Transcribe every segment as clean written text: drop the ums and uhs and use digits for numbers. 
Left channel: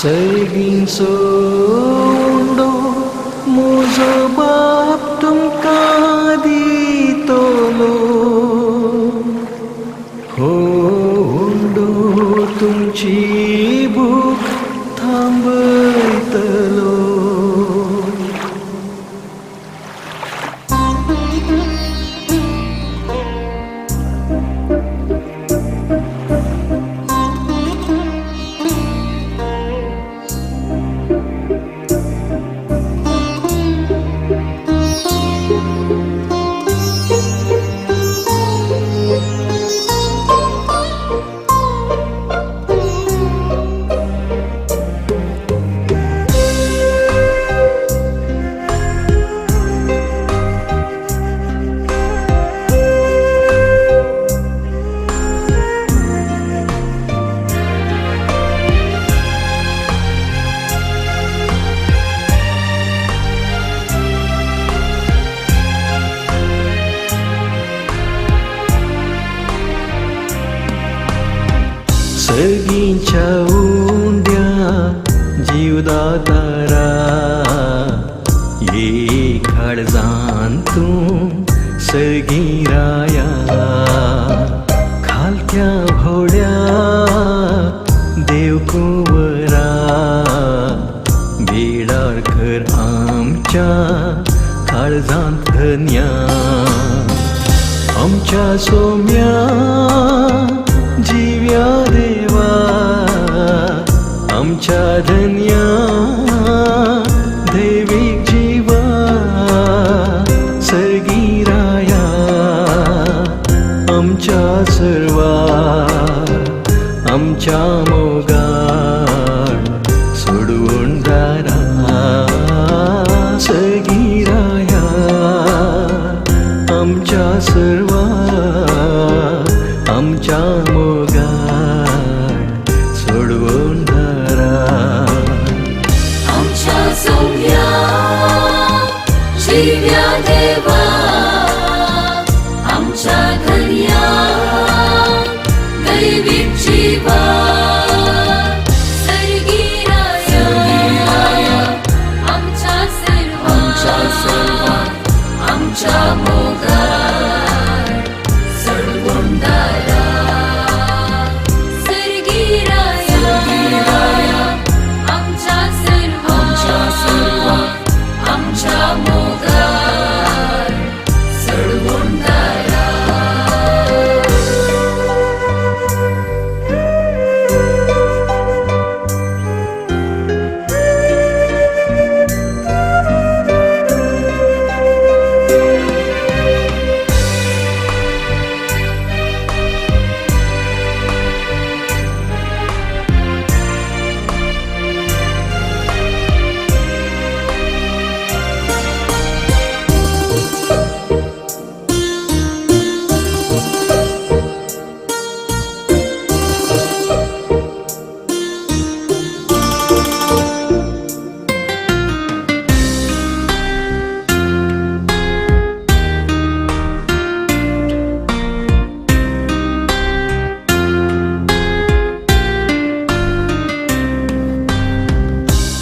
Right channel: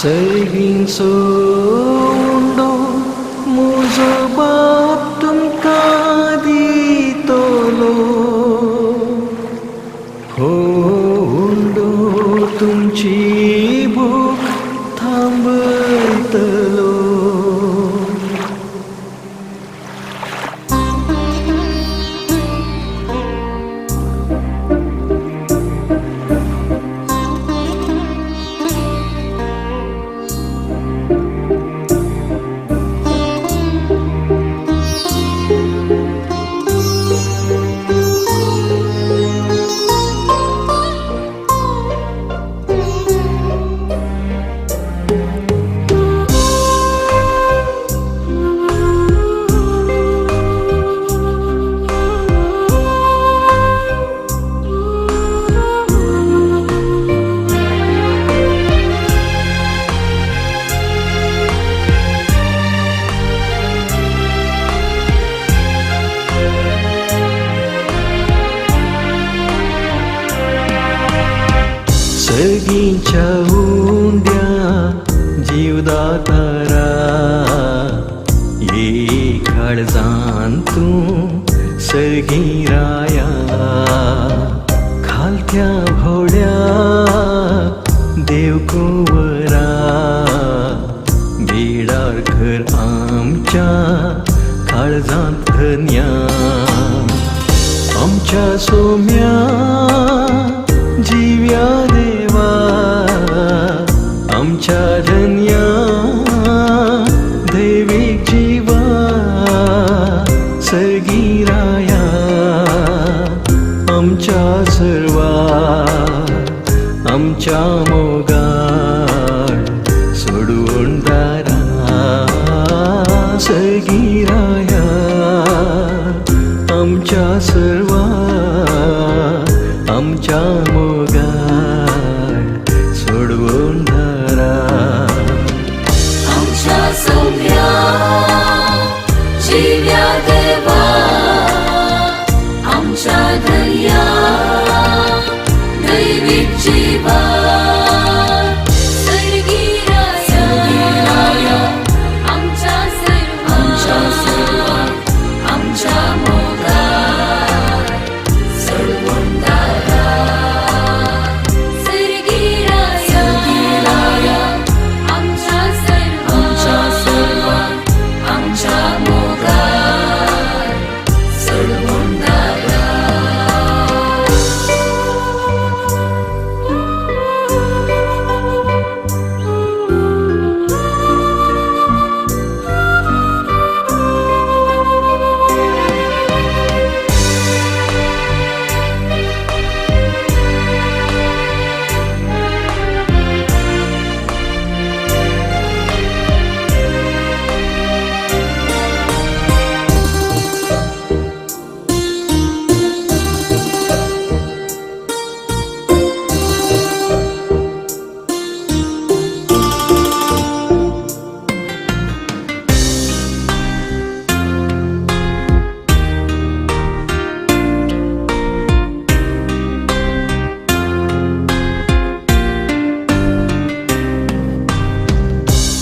सैगीन सोडो मुजो बाप तुमका दितलो होंडो तुमची भूक थांबतलो सगळींच्या उंद्या जीवदातारा ये काळजान तूं सगळी राया खालत्या भोवड्या देव कोवरा बेडार कर आमच्या काळजांत धन्या आमच्या सोम्या जीव्या देवा आमच्या धन्या दैविक जीवा सगळी राया आमच्या सर्वा आमच्या मोगान सोडून दारा सगळी राया आमच्या सर्वा आमच्या मोगान सोडवून धारा आमच्या सोम्या जीव्या देवा आमच्या धन्या दैविक जीवा सर्गी राया आमच्या सर्वा आमच्या मोगान सोडवून धारा सर्गी राया आमच्या सर्वा आमच्या मोगान सोडवून धारा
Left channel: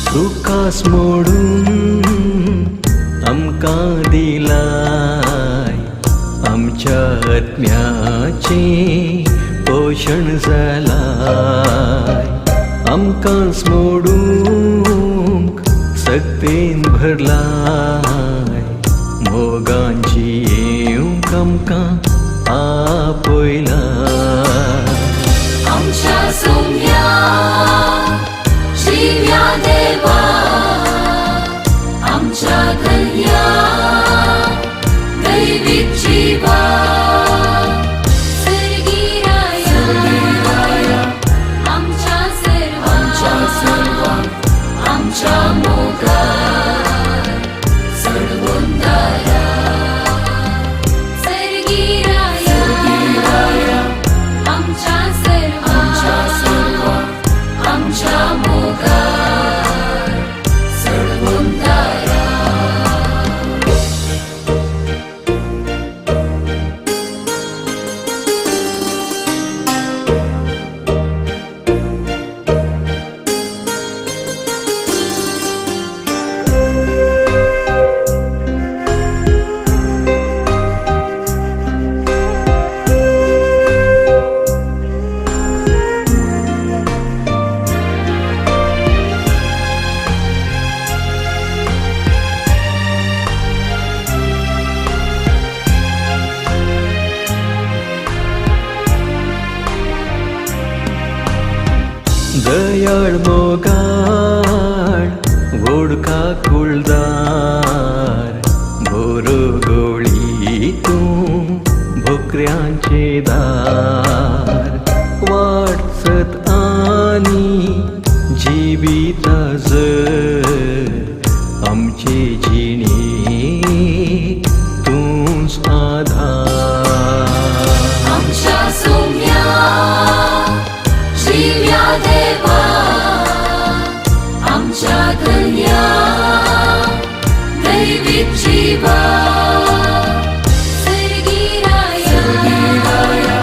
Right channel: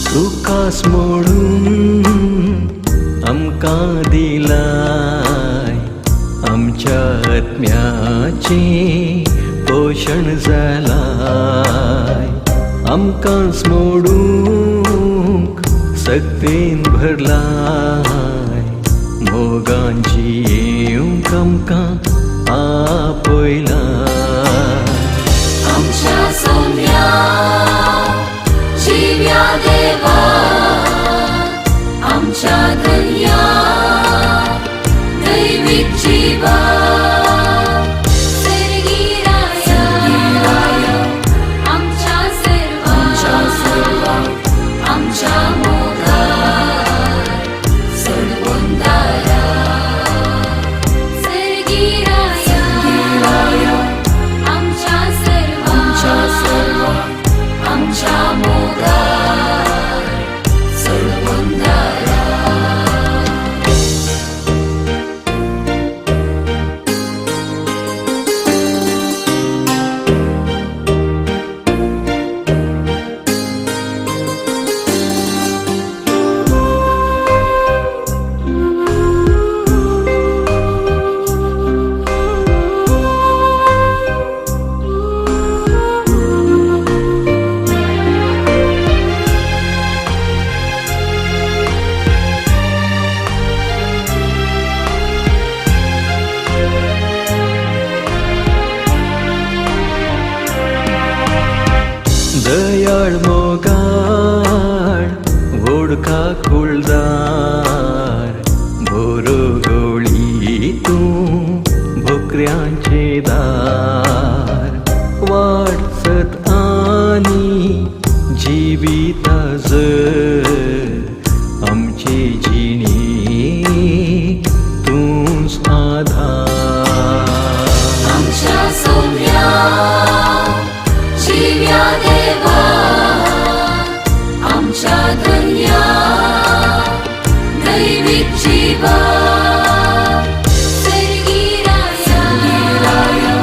तुकास मोडून आमकां दिलाय आमच्या आत्म्याचे पोषण जालाय आमकांच मोडूंक सक्तीन भरलाय मोगांची येवंक आमकां आपयलाय आमच्या सोम्या जीव्या देवा आमच्या धन्या दैविक जीवा सर्गी राया आमच्या सर्वा आमच्या मोगान सोडवून धारा सर्गी राया आमच्या सर्वा आमच्या मोगान सोडवून धारा दयाळ मोगाळ वोडका कुळदार बोरगोळी तू भोकऱ्यांचे दार वाटसत आणि जीविता जर आमचे जिणे तूच आधार आमच्या सौम्या जीव्या देवा आमच्या धन्या दैविक जीवा सर्गी राया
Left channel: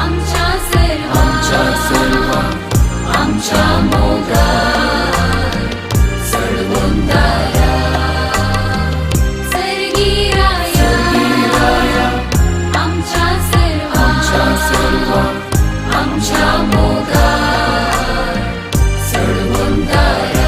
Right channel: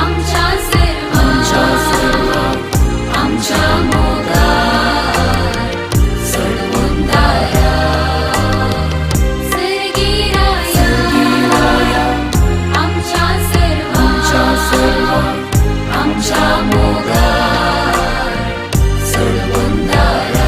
आमच्या सर्वा आमच्या मोगार सडवंदारा सर्गी राया आमच्या सर्वा आमच्या मोगार सडवंदारा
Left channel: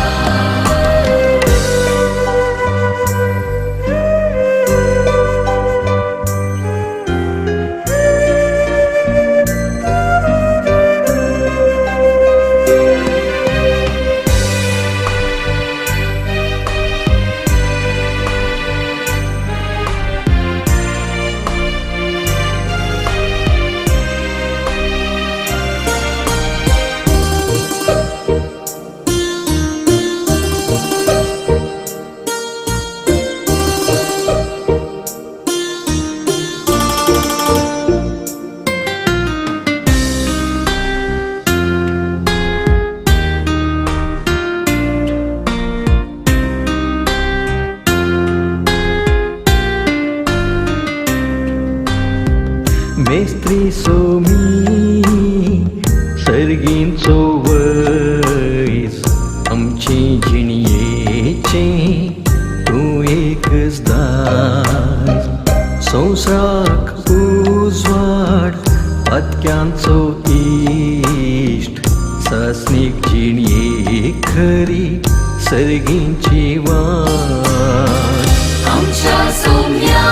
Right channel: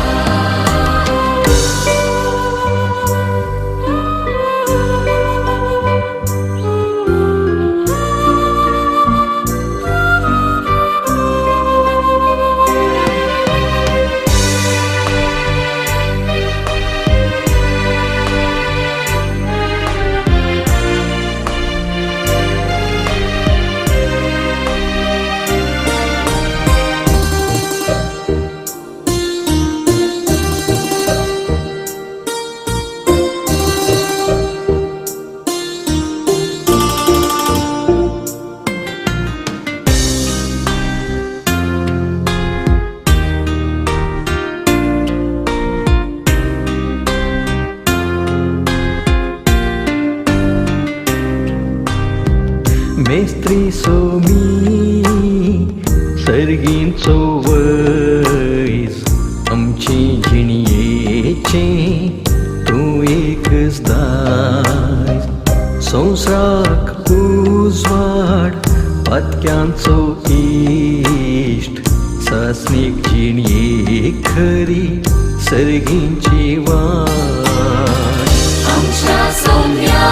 मेस्त्री सोमी सर्गींचो वैस आमचे जिणयेचे तूं एकच दास संवसाराक उजवाड पातक्यांचो इश्ट सासणीक जिणये खरी सर्गींची वाट आमच्या सौम्या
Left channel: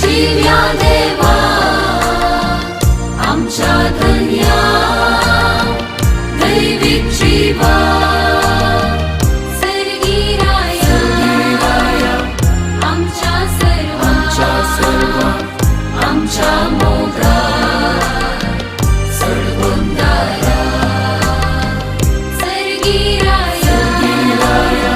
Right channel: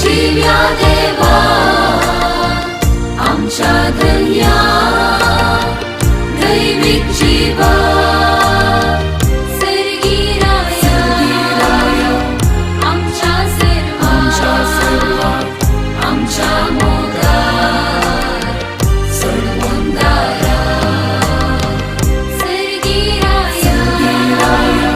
जीव्या देवा आमच्या धन्या दैविक जीवा सर्गी राया आमच्या सर्वा आमच्या मोगार सडवंदारा सर्गी राया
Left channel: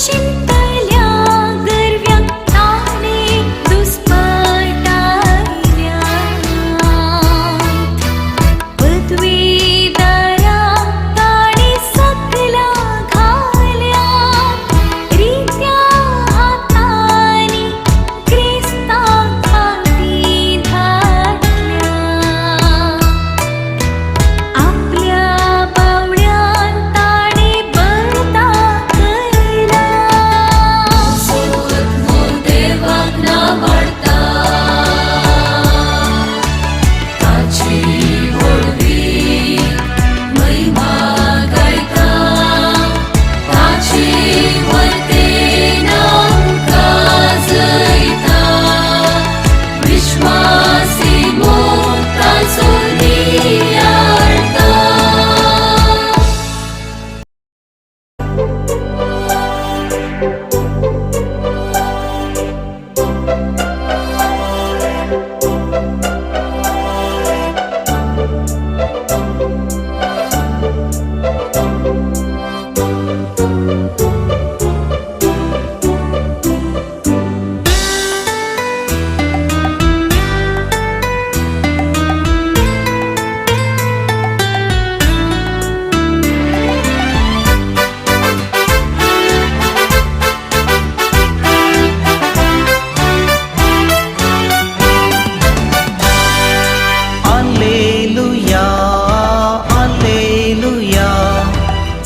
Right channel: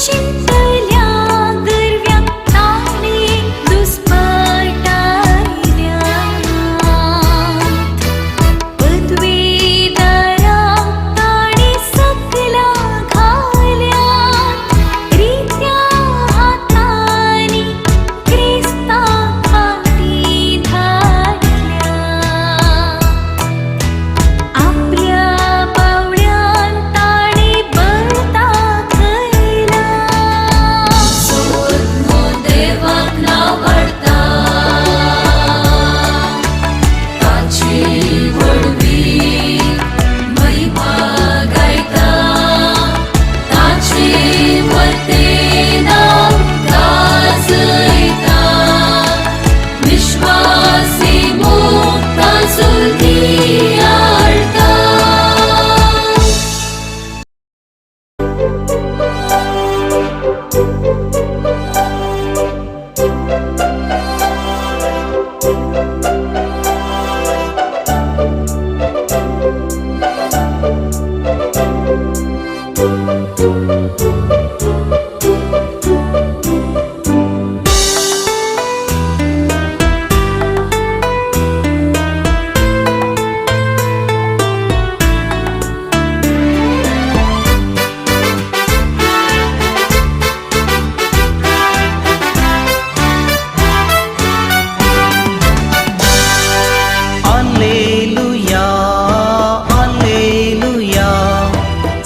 शिंपल्या गरव्या आणि दुष्पाटायल्या पदवीधरा आणि सकला घाल्या रित्या हातानी ख्रिस्ता हाती घातल्या आपल्या बावड्यांताणी बळता केला सोदमोल देवाक नावाडता ताची व्हडवी महिमा गायता ताची वर्तेनां गाजयता विश्वासी मुक्ता सुदियाळता Alleluia, Alleluia,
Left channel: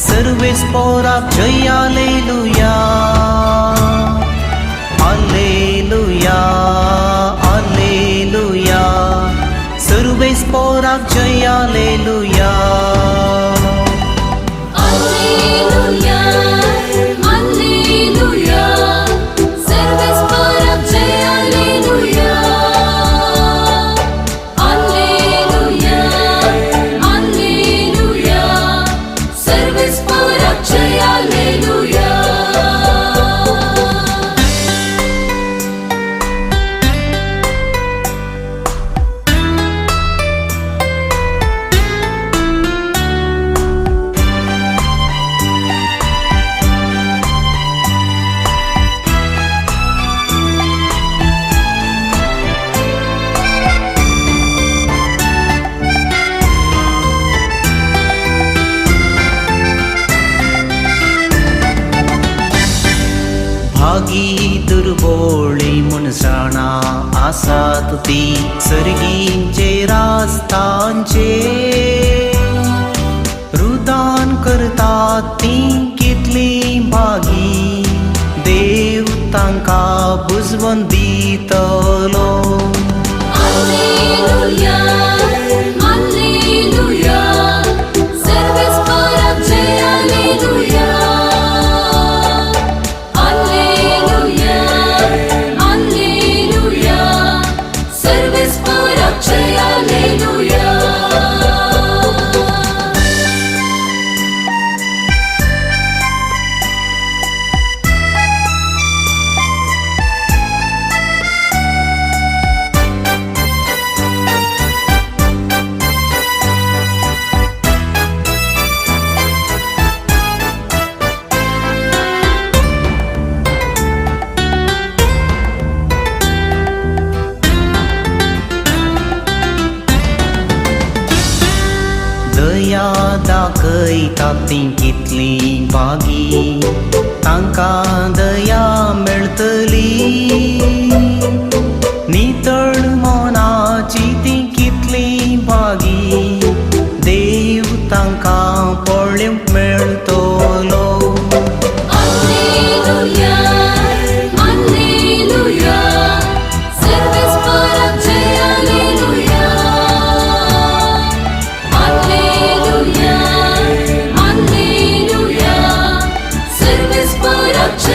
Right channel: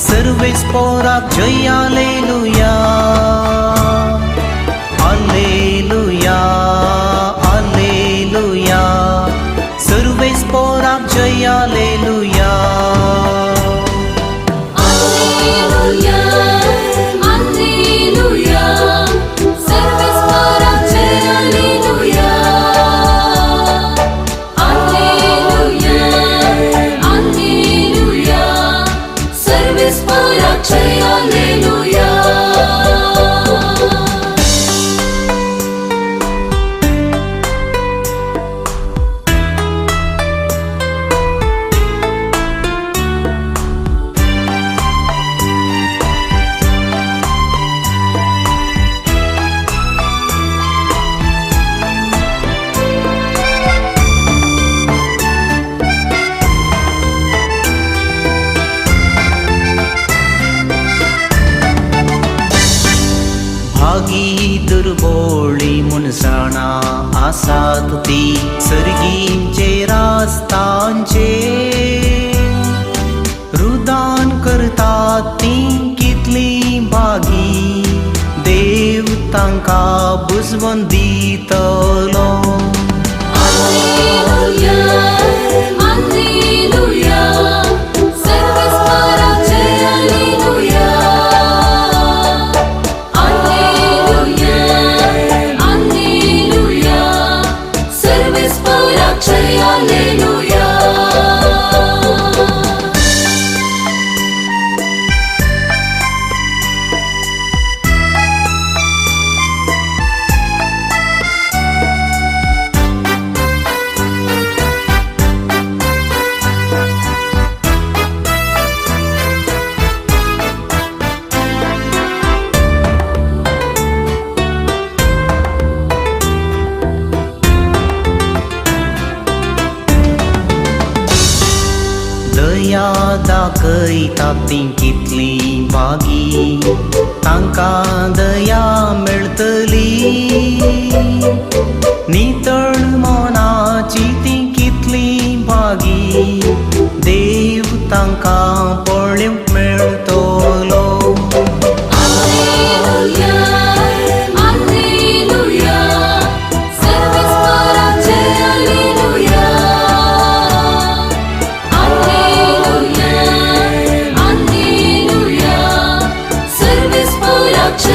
सर्वेस पोराक जय Alleluia. Alleluia, Alleluia, सर्वेस पोराक जय Alleluia. Alleluia, Alleluia, सर्वेस पोराक जय Alleluia. Alleluia, Alleluia, सर्वेस पोराक जय Alleluia. भागी दुर्बोळी मनसाणा आसात ती सर्गींचे रास्तांचे रुदान करतात ती कितली भागी देव तांका बुजवण दितलो. Alleluia, Alleluia, सर्वेस पोराक जय Alleluia. Alleluia, Alleluia, सर्वेस पोराक जय Alleluia. दया दाखयतात ती कितली भागी तांका दया मेळटली. नितळ मनाची ती कितली भागी देव तांका पळोवंक मेळटलो. Alleluia, Alleluia, सर्वेस पोराक जय Alleluia. Alleluia, Alleluia, सर्वेस पोराक जय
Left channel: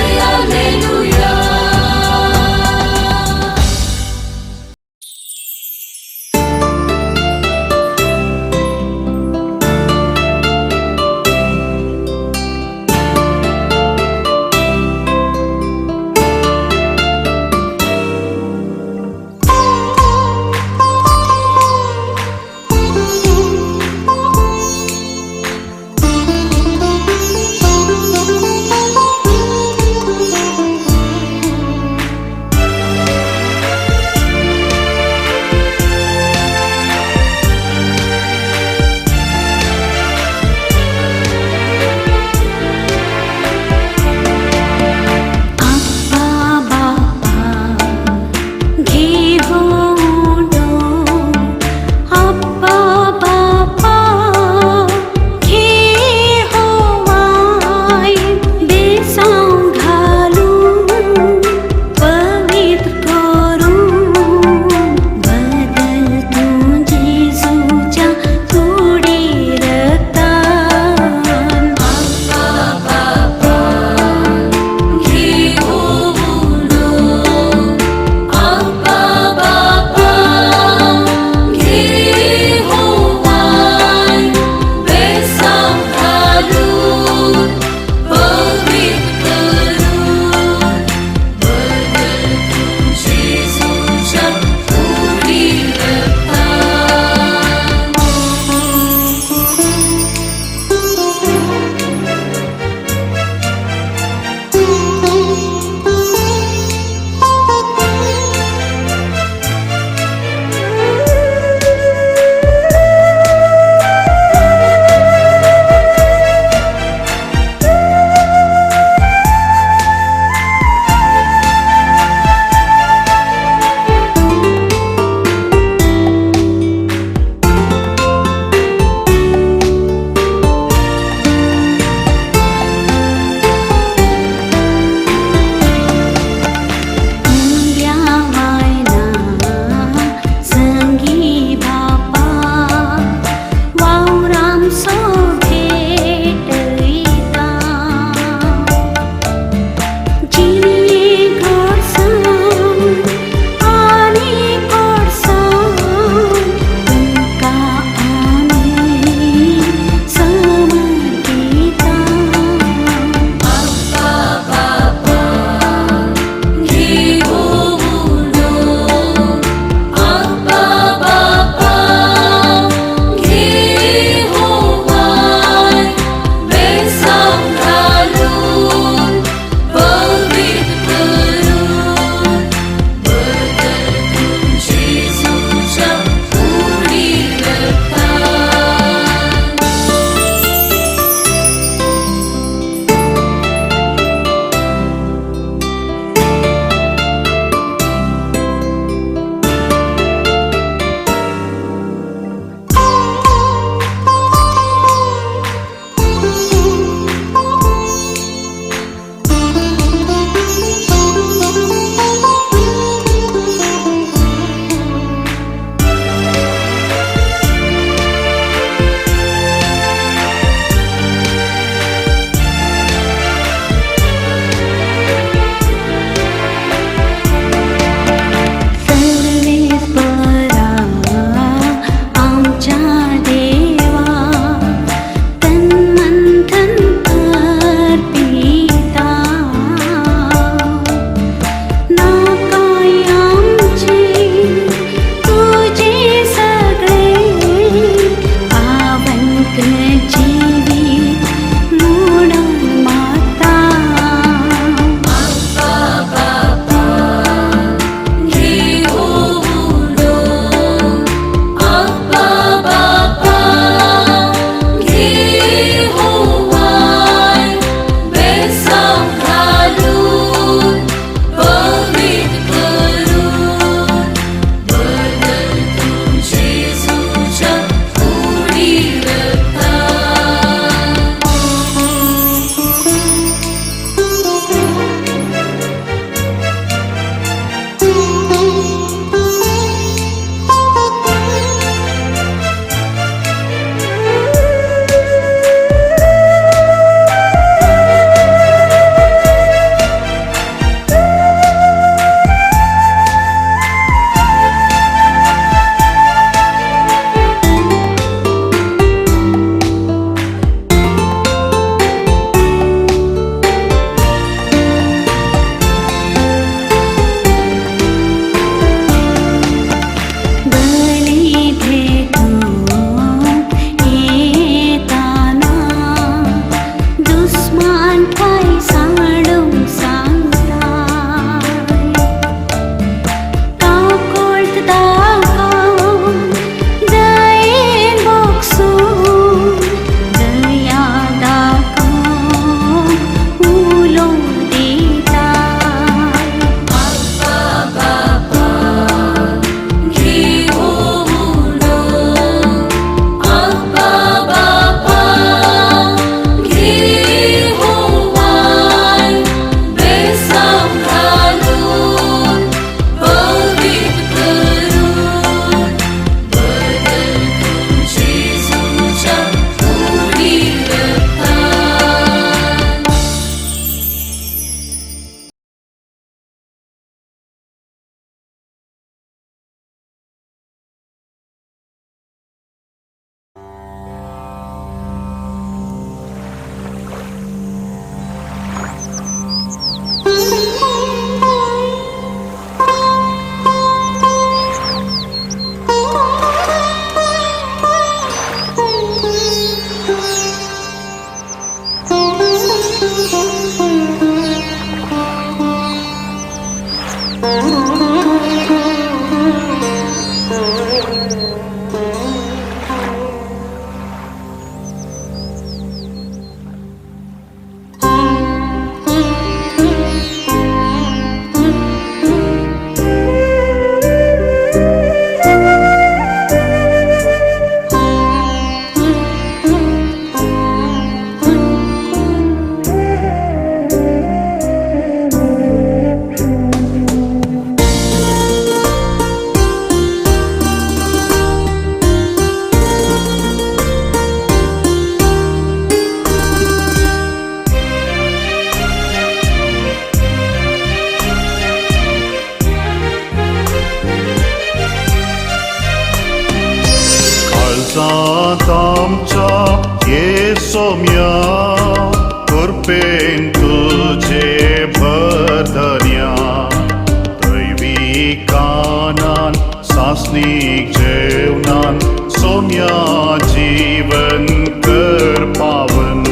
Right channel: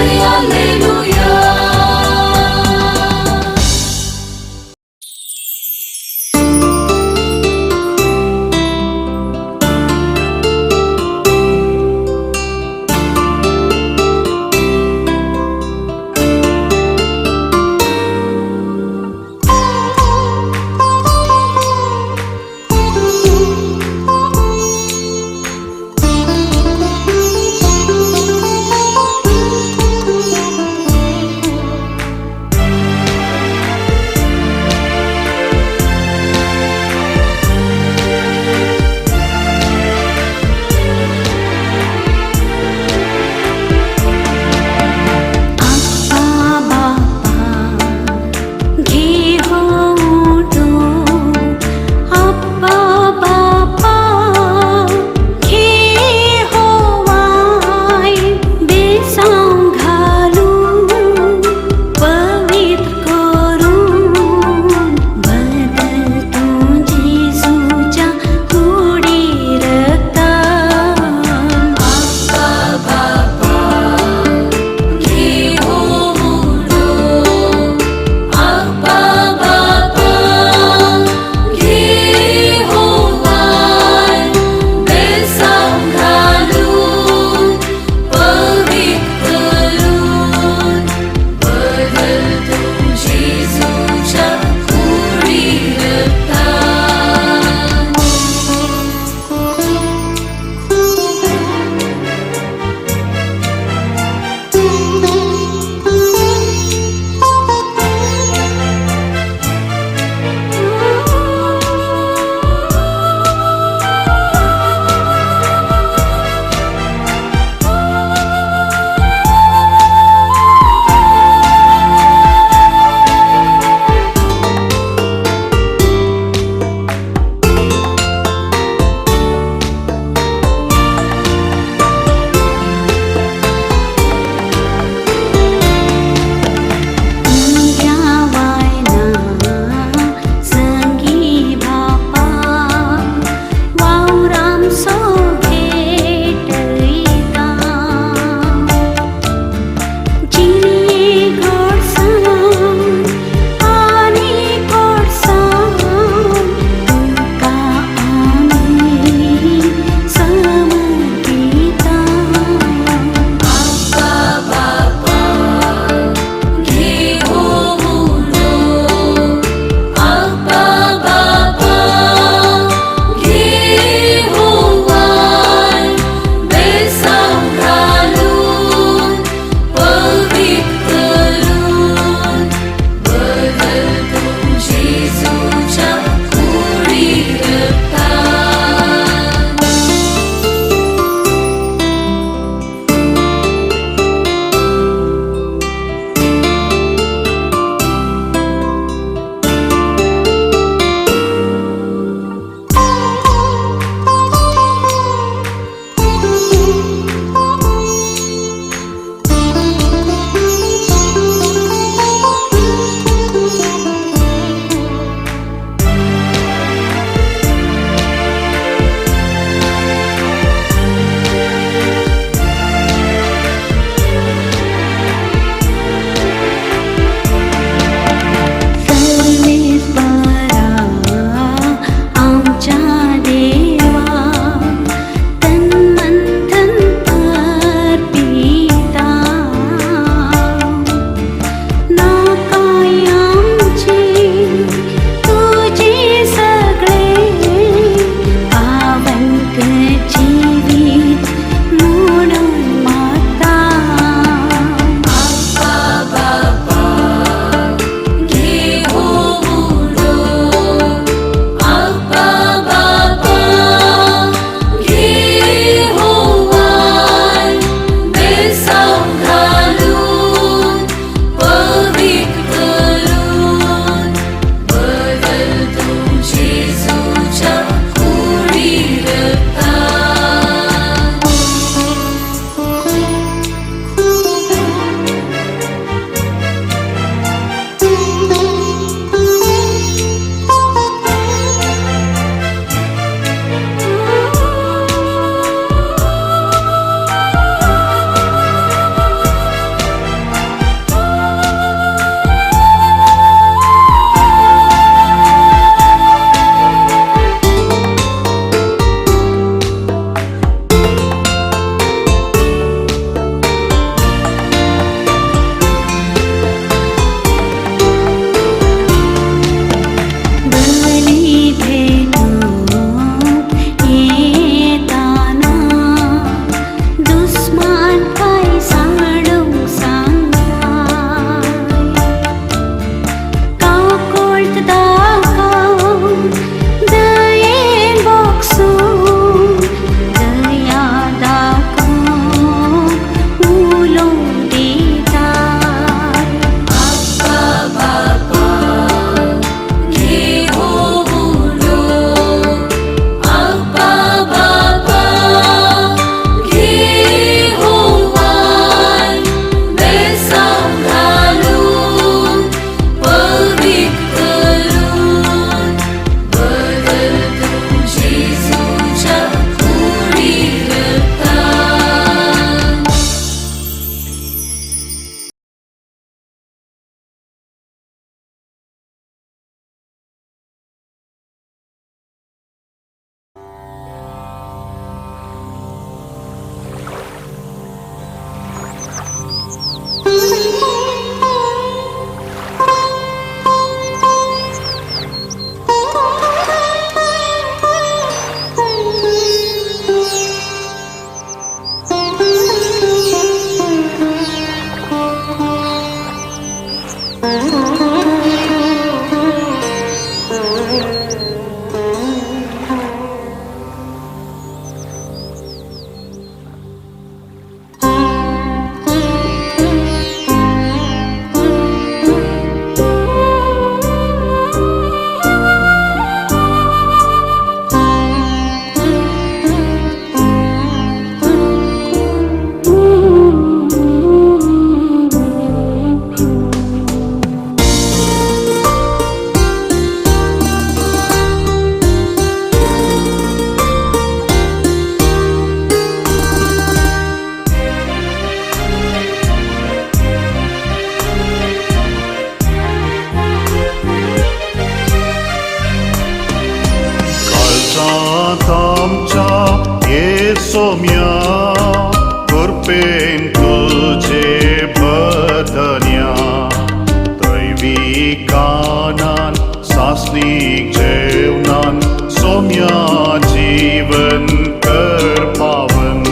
मासनी जेवणान सोम्या जीवन कर पावन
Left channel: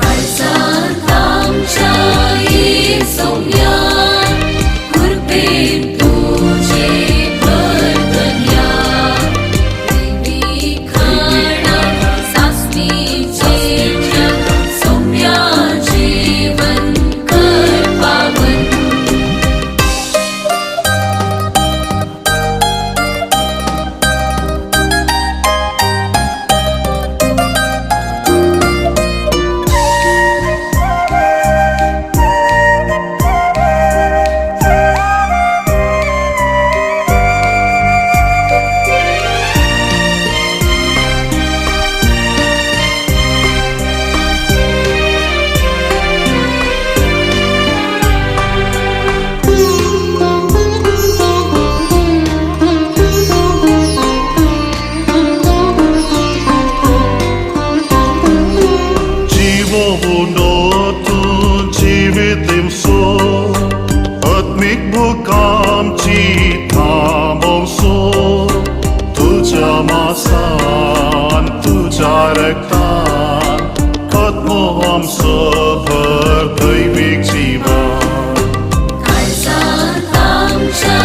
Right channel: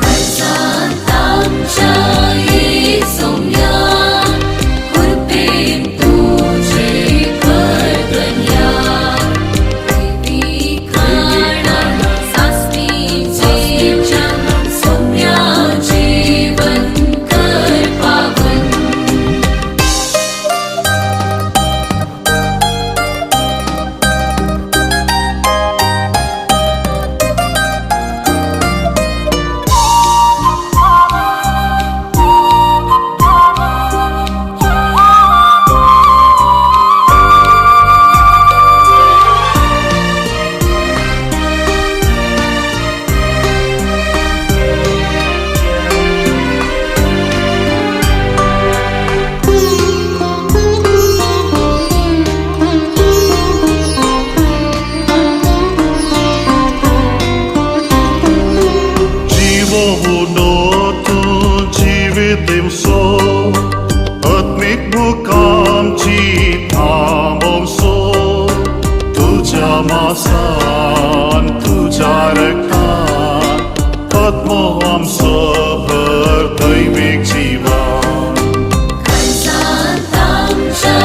काळजात आमच्या येसोया कृपेन तुझे वर्दन्या देवी खाणा सासणीचे जग सौम्या जीवन कर पावन आमची थांबवसो तुझ्या मासान तुझ्या रक्तान आत्मो आमचं भर दैनिक जीवन काळजात आमच्या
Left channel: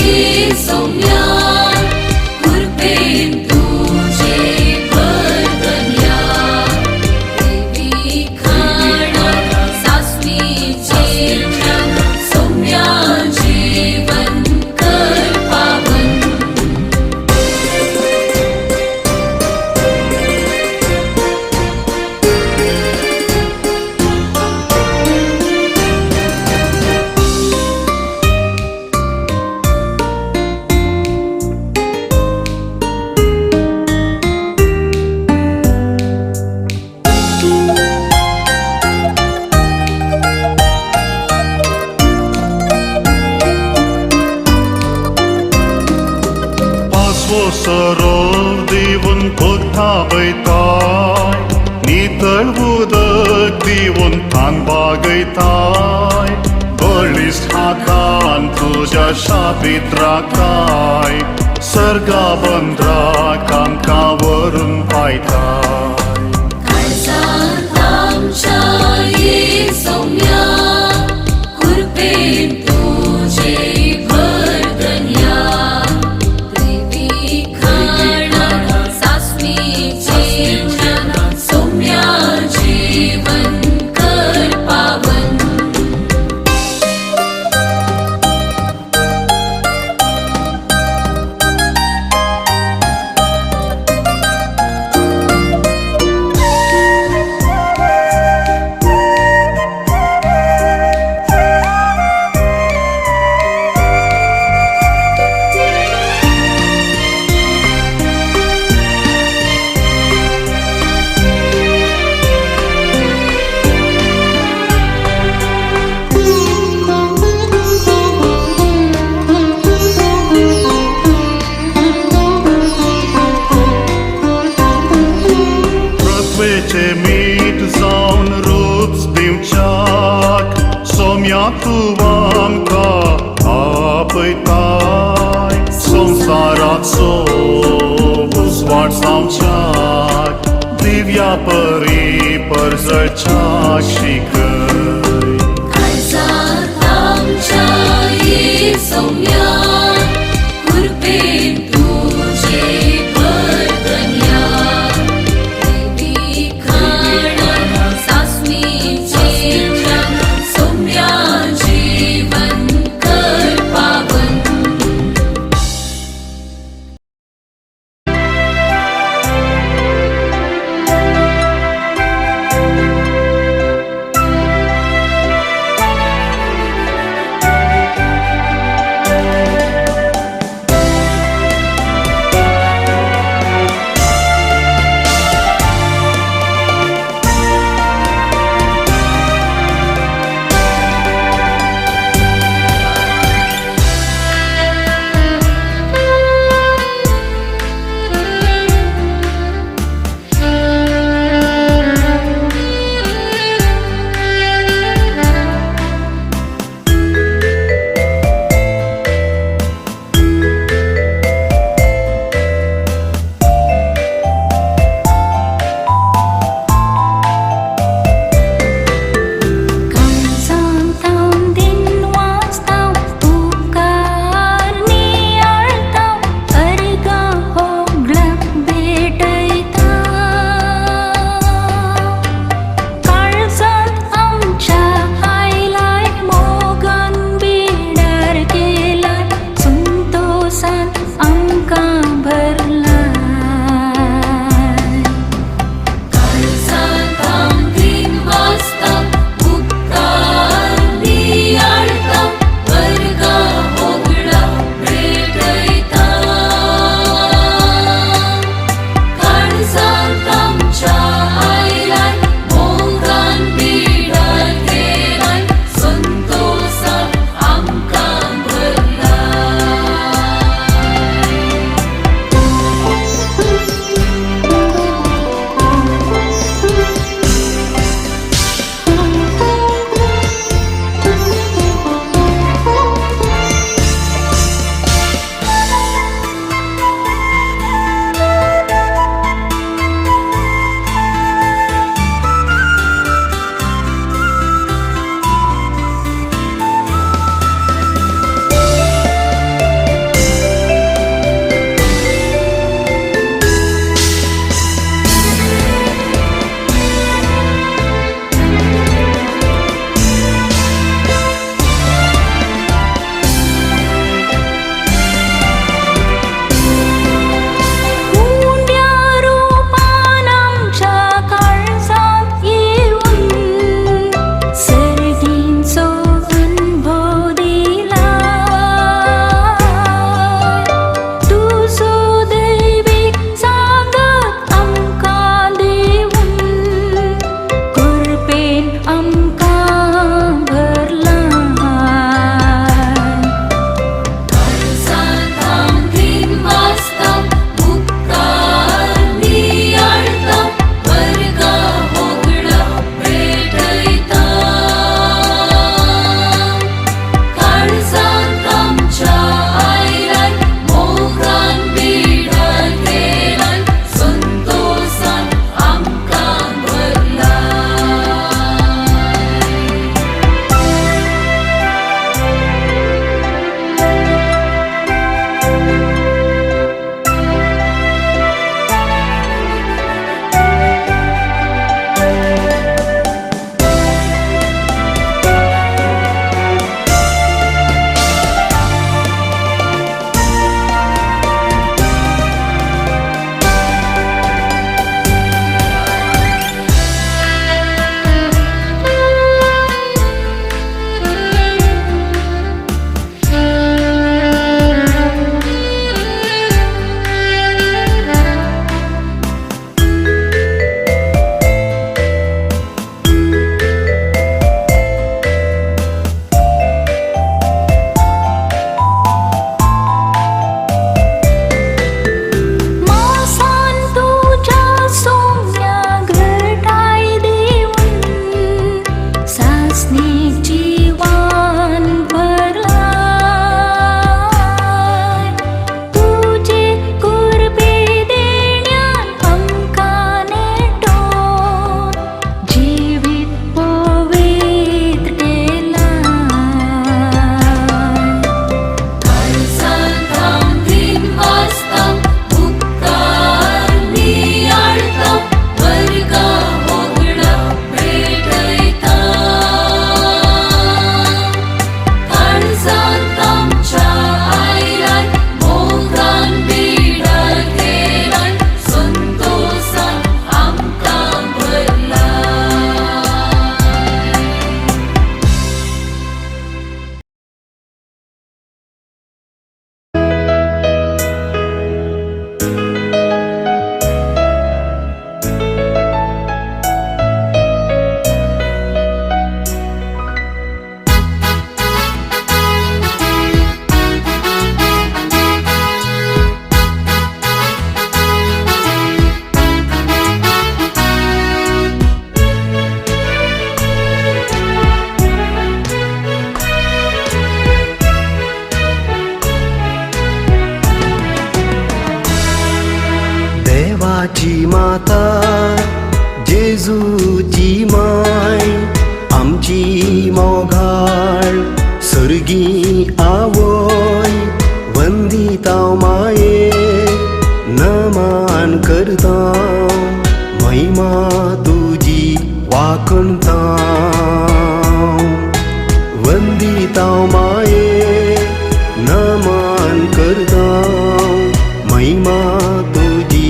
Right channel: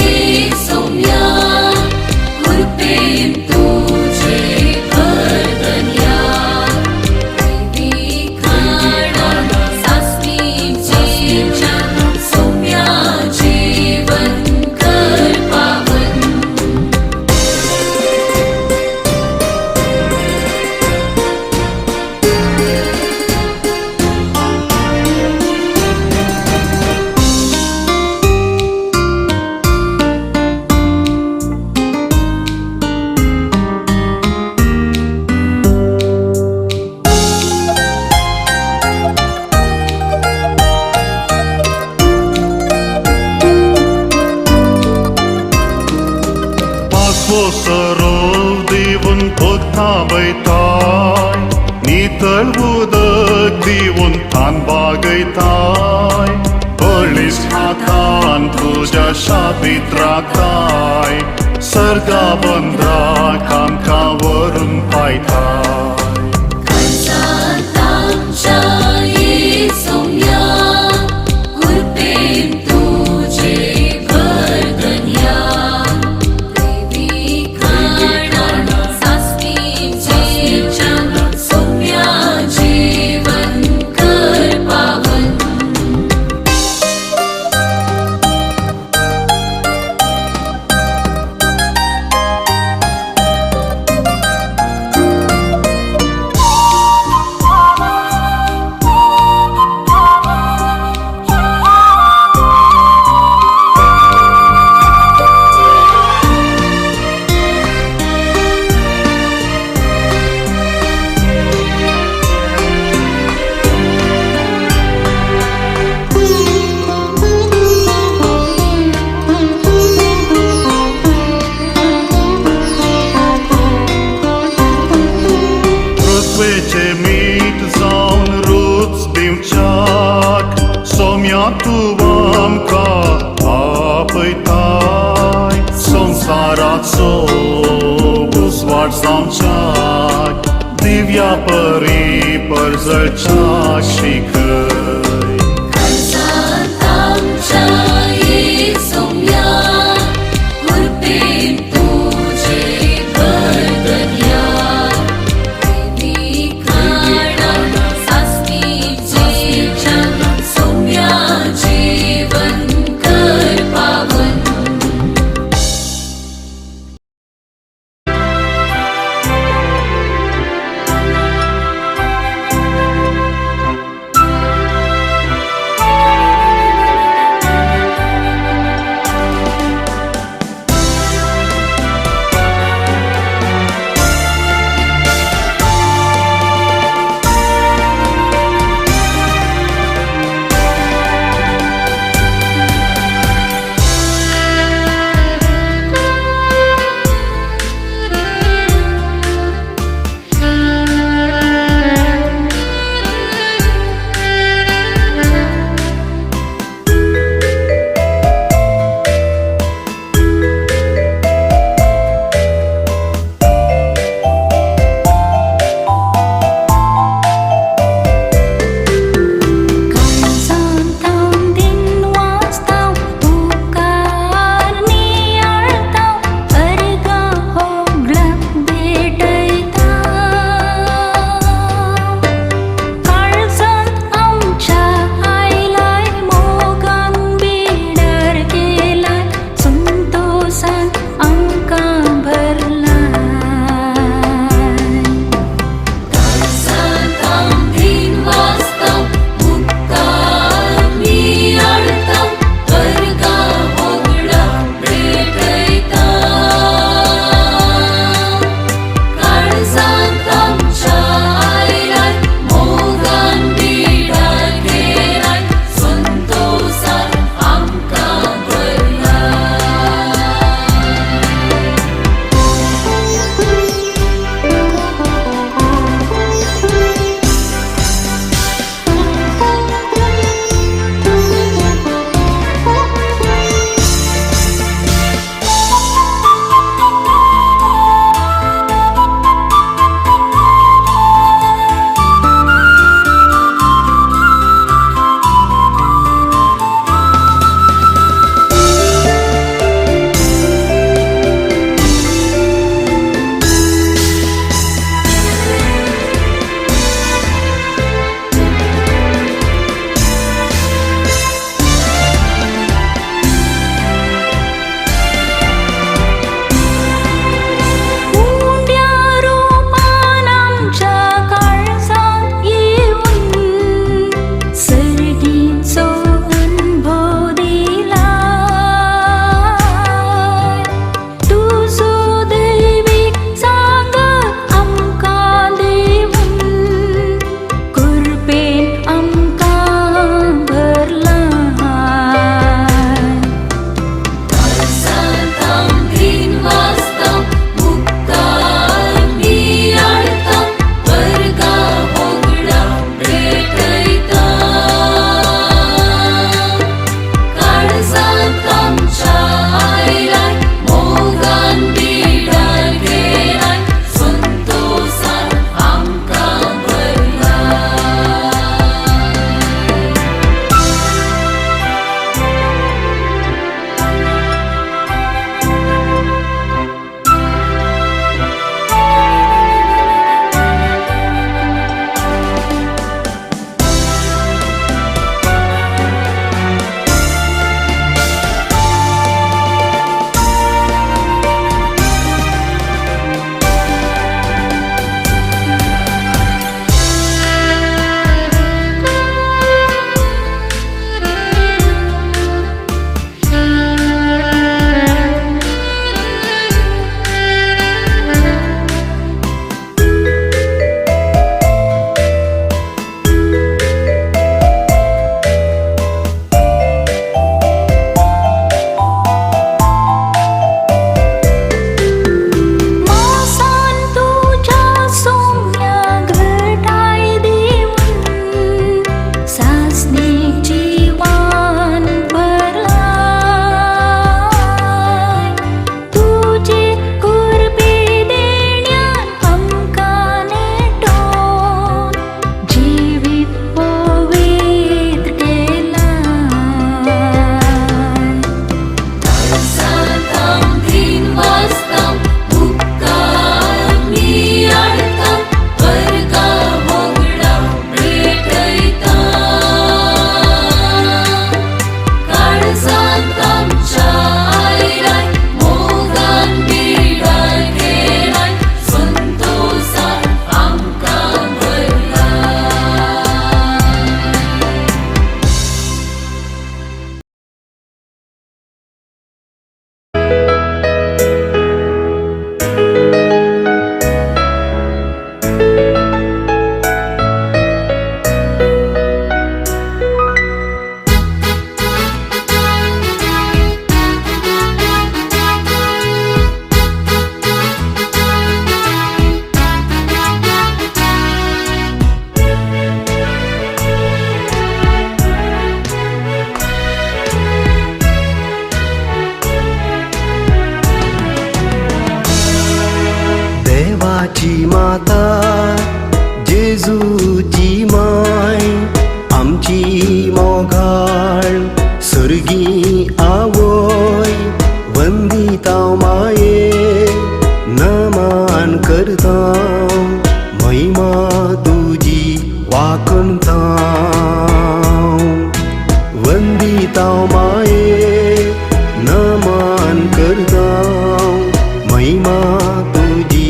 येसोया कृपेन तुझे वर्दन्या देवी खाणा सासणीचे जग सौम्या जीवन कर पावन सरळ देऊन खोथा बैताय नितळवूदक देऊन थान बागैताय बळीस हातान तुझ्या शापीत राखाय सर्गा बंद्रा कामकावरून पायताय काळजात आमच्या येसोया कृपेन तुझे वर्दन्या देवी खाणा सासणीचे जग सौम्या जीवन कर पावन Răsvece mit zaun ruț dimceac Somia tu am ca apăitai Sonsarat so uzvar samceac Divya pări părzăcea și căi काळजात आमच्या येसोया कृपेन तुझे वर्दन्या देवी खाणा सासणीचे जग सौम्या जीवन कर पावन वंदिताव माये नमन करताव महिमा तुझी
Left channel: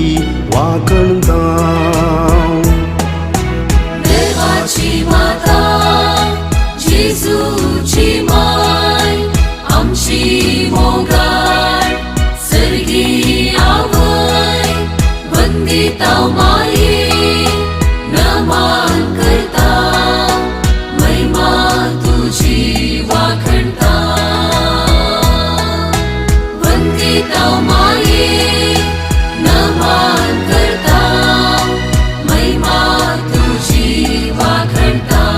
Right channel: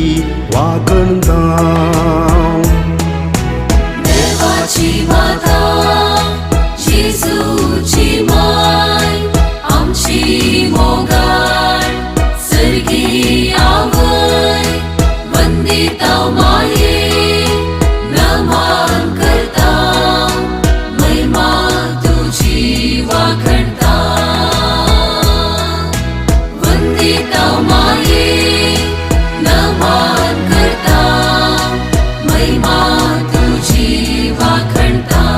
वाखणताव देवाची माता जेजूची माय आमची मोगाळ सर्गी आवय वंदिताव माये नमन करताव महिमा तुझी वाखणताव वंदिताव माये नमन करताव महिमा तुझी वाखणताव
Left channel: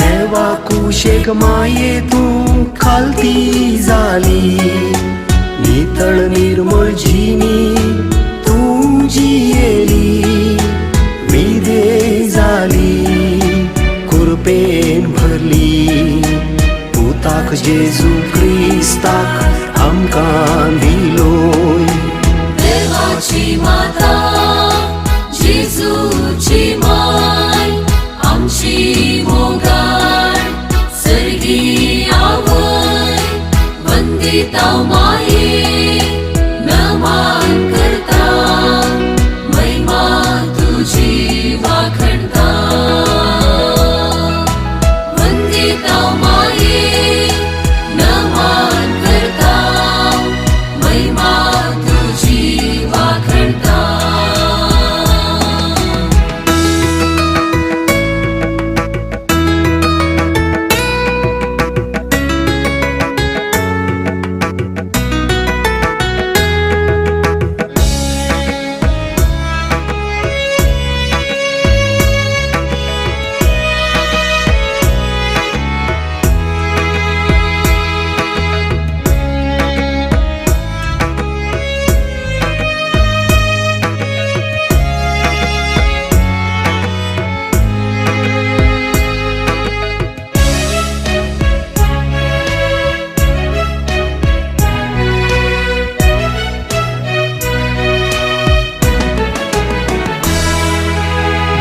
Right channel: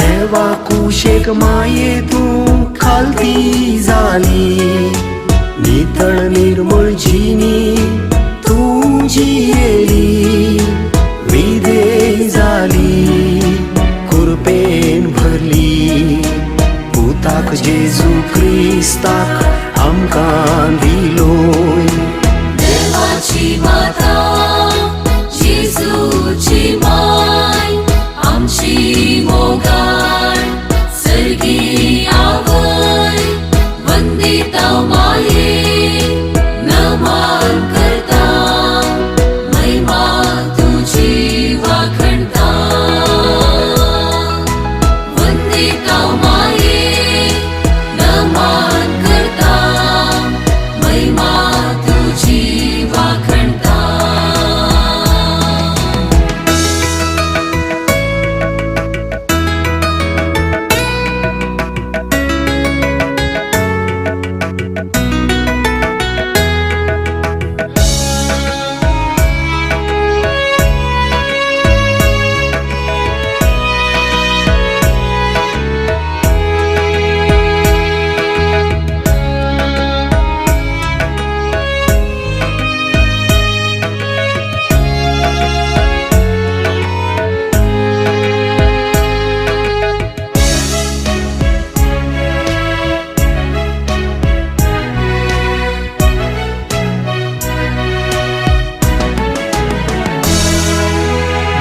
देवा कुशेक मायेतून खालती झाली नितळ निर्मळ जिनी तुझी येली विधे झाली कृपेन भरली पुताक जेजू ख्रिस्ताक आमकां दिलोय देवाची माता जेजूची माय आमची मोगाळ सर्गी आवय वंदिताव माये नमन करताव महिमा तुझी वाखणताव वंदिताव माये नमन करताव महिमा तुझी वाखणताव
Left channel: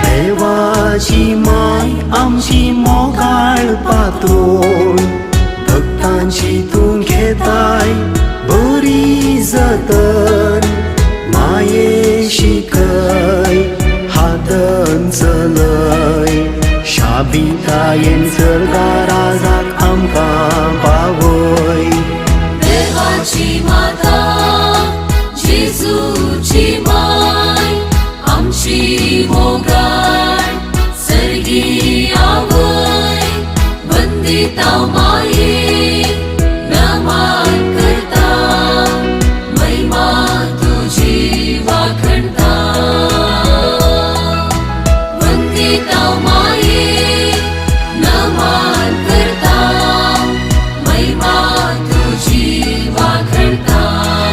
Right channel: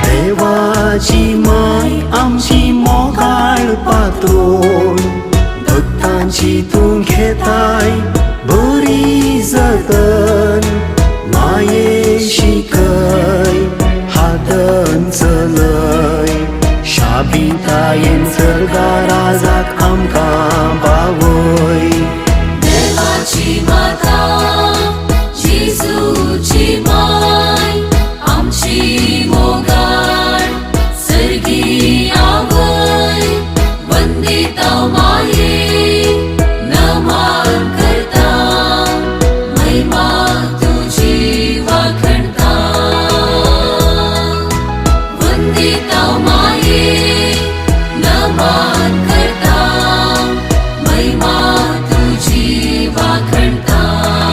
देवाची माय आमची मोगाळ पात्रोन भक्तांची तूं घेताय बरी जतन माये शिकय हातन चलय शाबितायेन चलगा राजाक आमकां पावय देवाची माता जेजूची माय आमची मोगाळ सर्गी आवय वंदिताव माये नमन करताव महिमा तुझी वाखणताव वंदिताव माये नमन करताव महिमा तुझी वाखणताव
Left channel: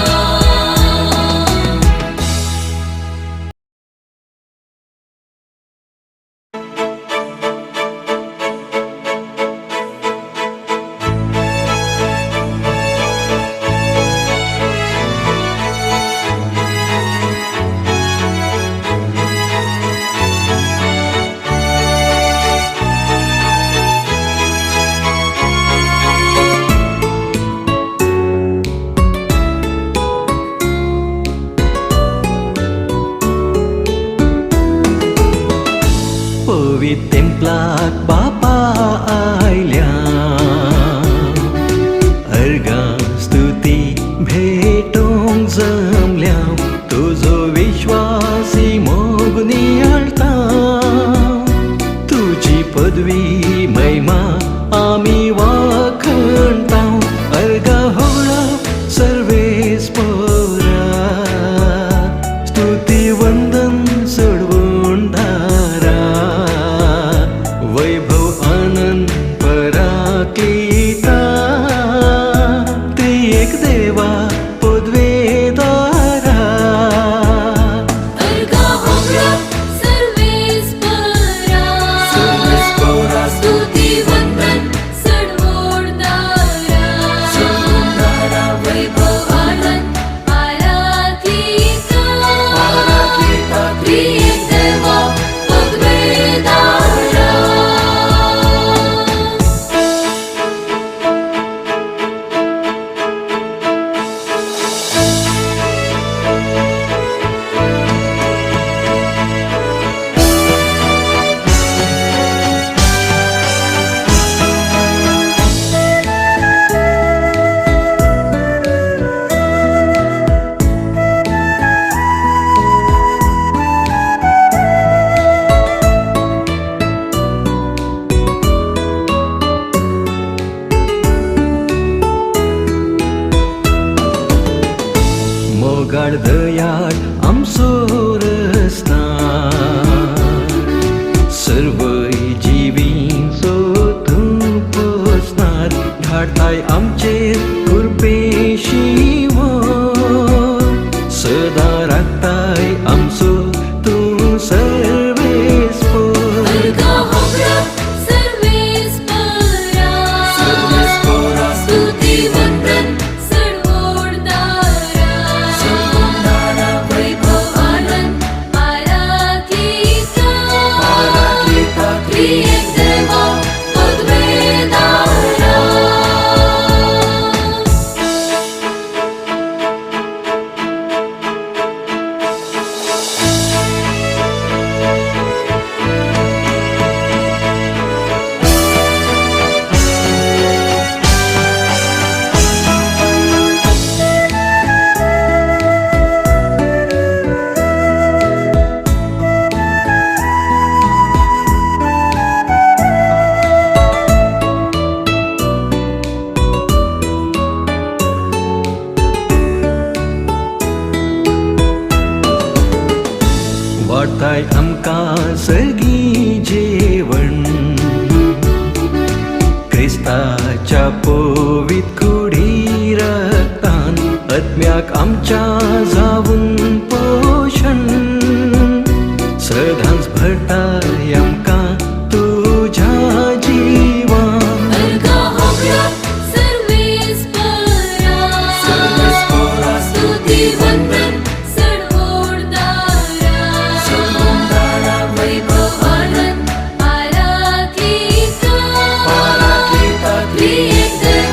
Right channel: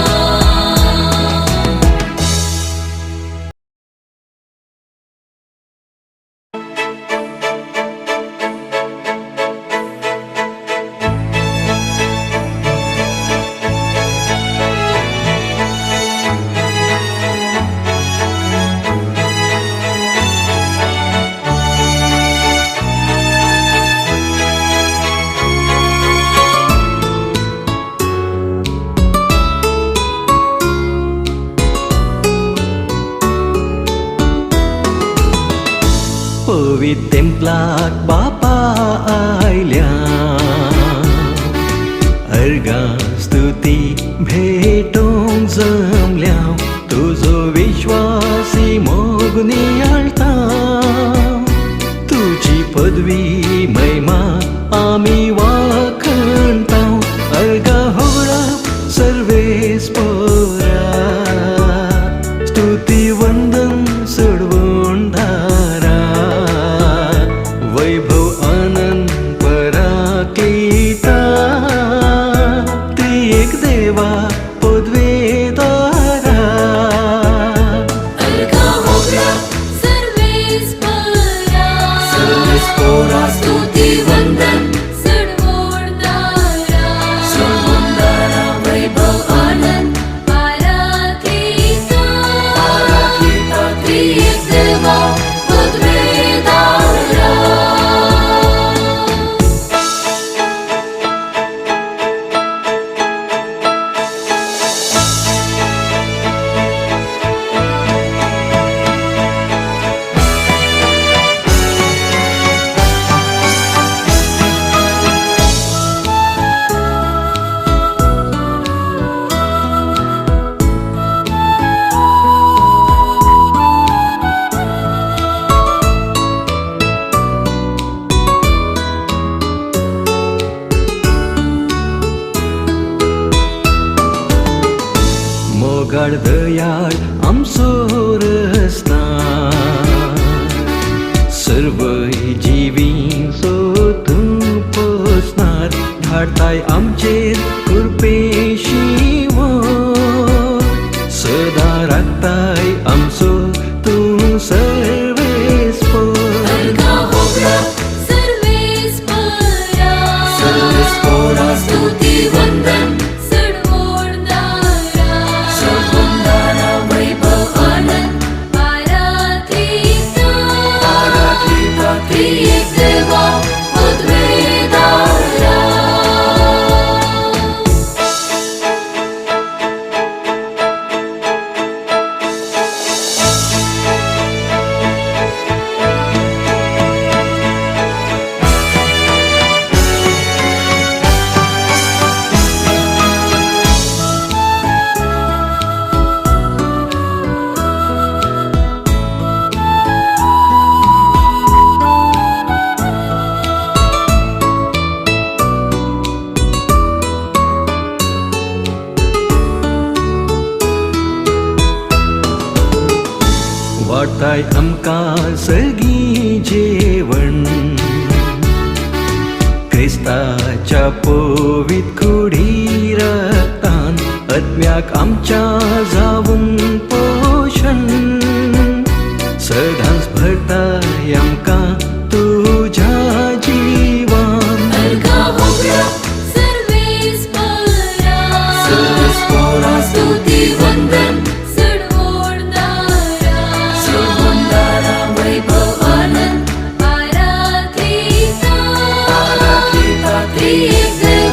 महिमा आम्ही वाखणताव अर्घ होला सर्वेस्परा स्तुती वंदन सोडवून धारा वैभव आनंद पराक्लिता त्रिएक देवा पदवेदारा अर्घ होला सर्वेस्परा स्तुती वंदन सडवोडणारा वैभव आनंद पराक्लिता त्रिएक देवा पदवेदारा मोगाळ दयाळ आमचो सर्व जीवींचो तूं पोसणार धाडताय आमचे कृपेशी सदा राखताय आमचो तूं सर्वेस्पर अर्घ होला सर्वेस्परा स्तुती वंदन सडवोडणारा वैभव आनंद पराक्लिता त्रिएक देवा पदवेदारा वाटाय आमकां सगळीं जेवण क्रिस्ताच्या पवित्र कुडी रक्तान आत्म्याक आमच्या जावून पोषण सदांच भरताय आमकां तुझ्या जिवान अर्घ होला सर्वेस्परा स्तुती वंदन सडवोडणारा वैभव आनंद पराक्लिता त्रिएक देवा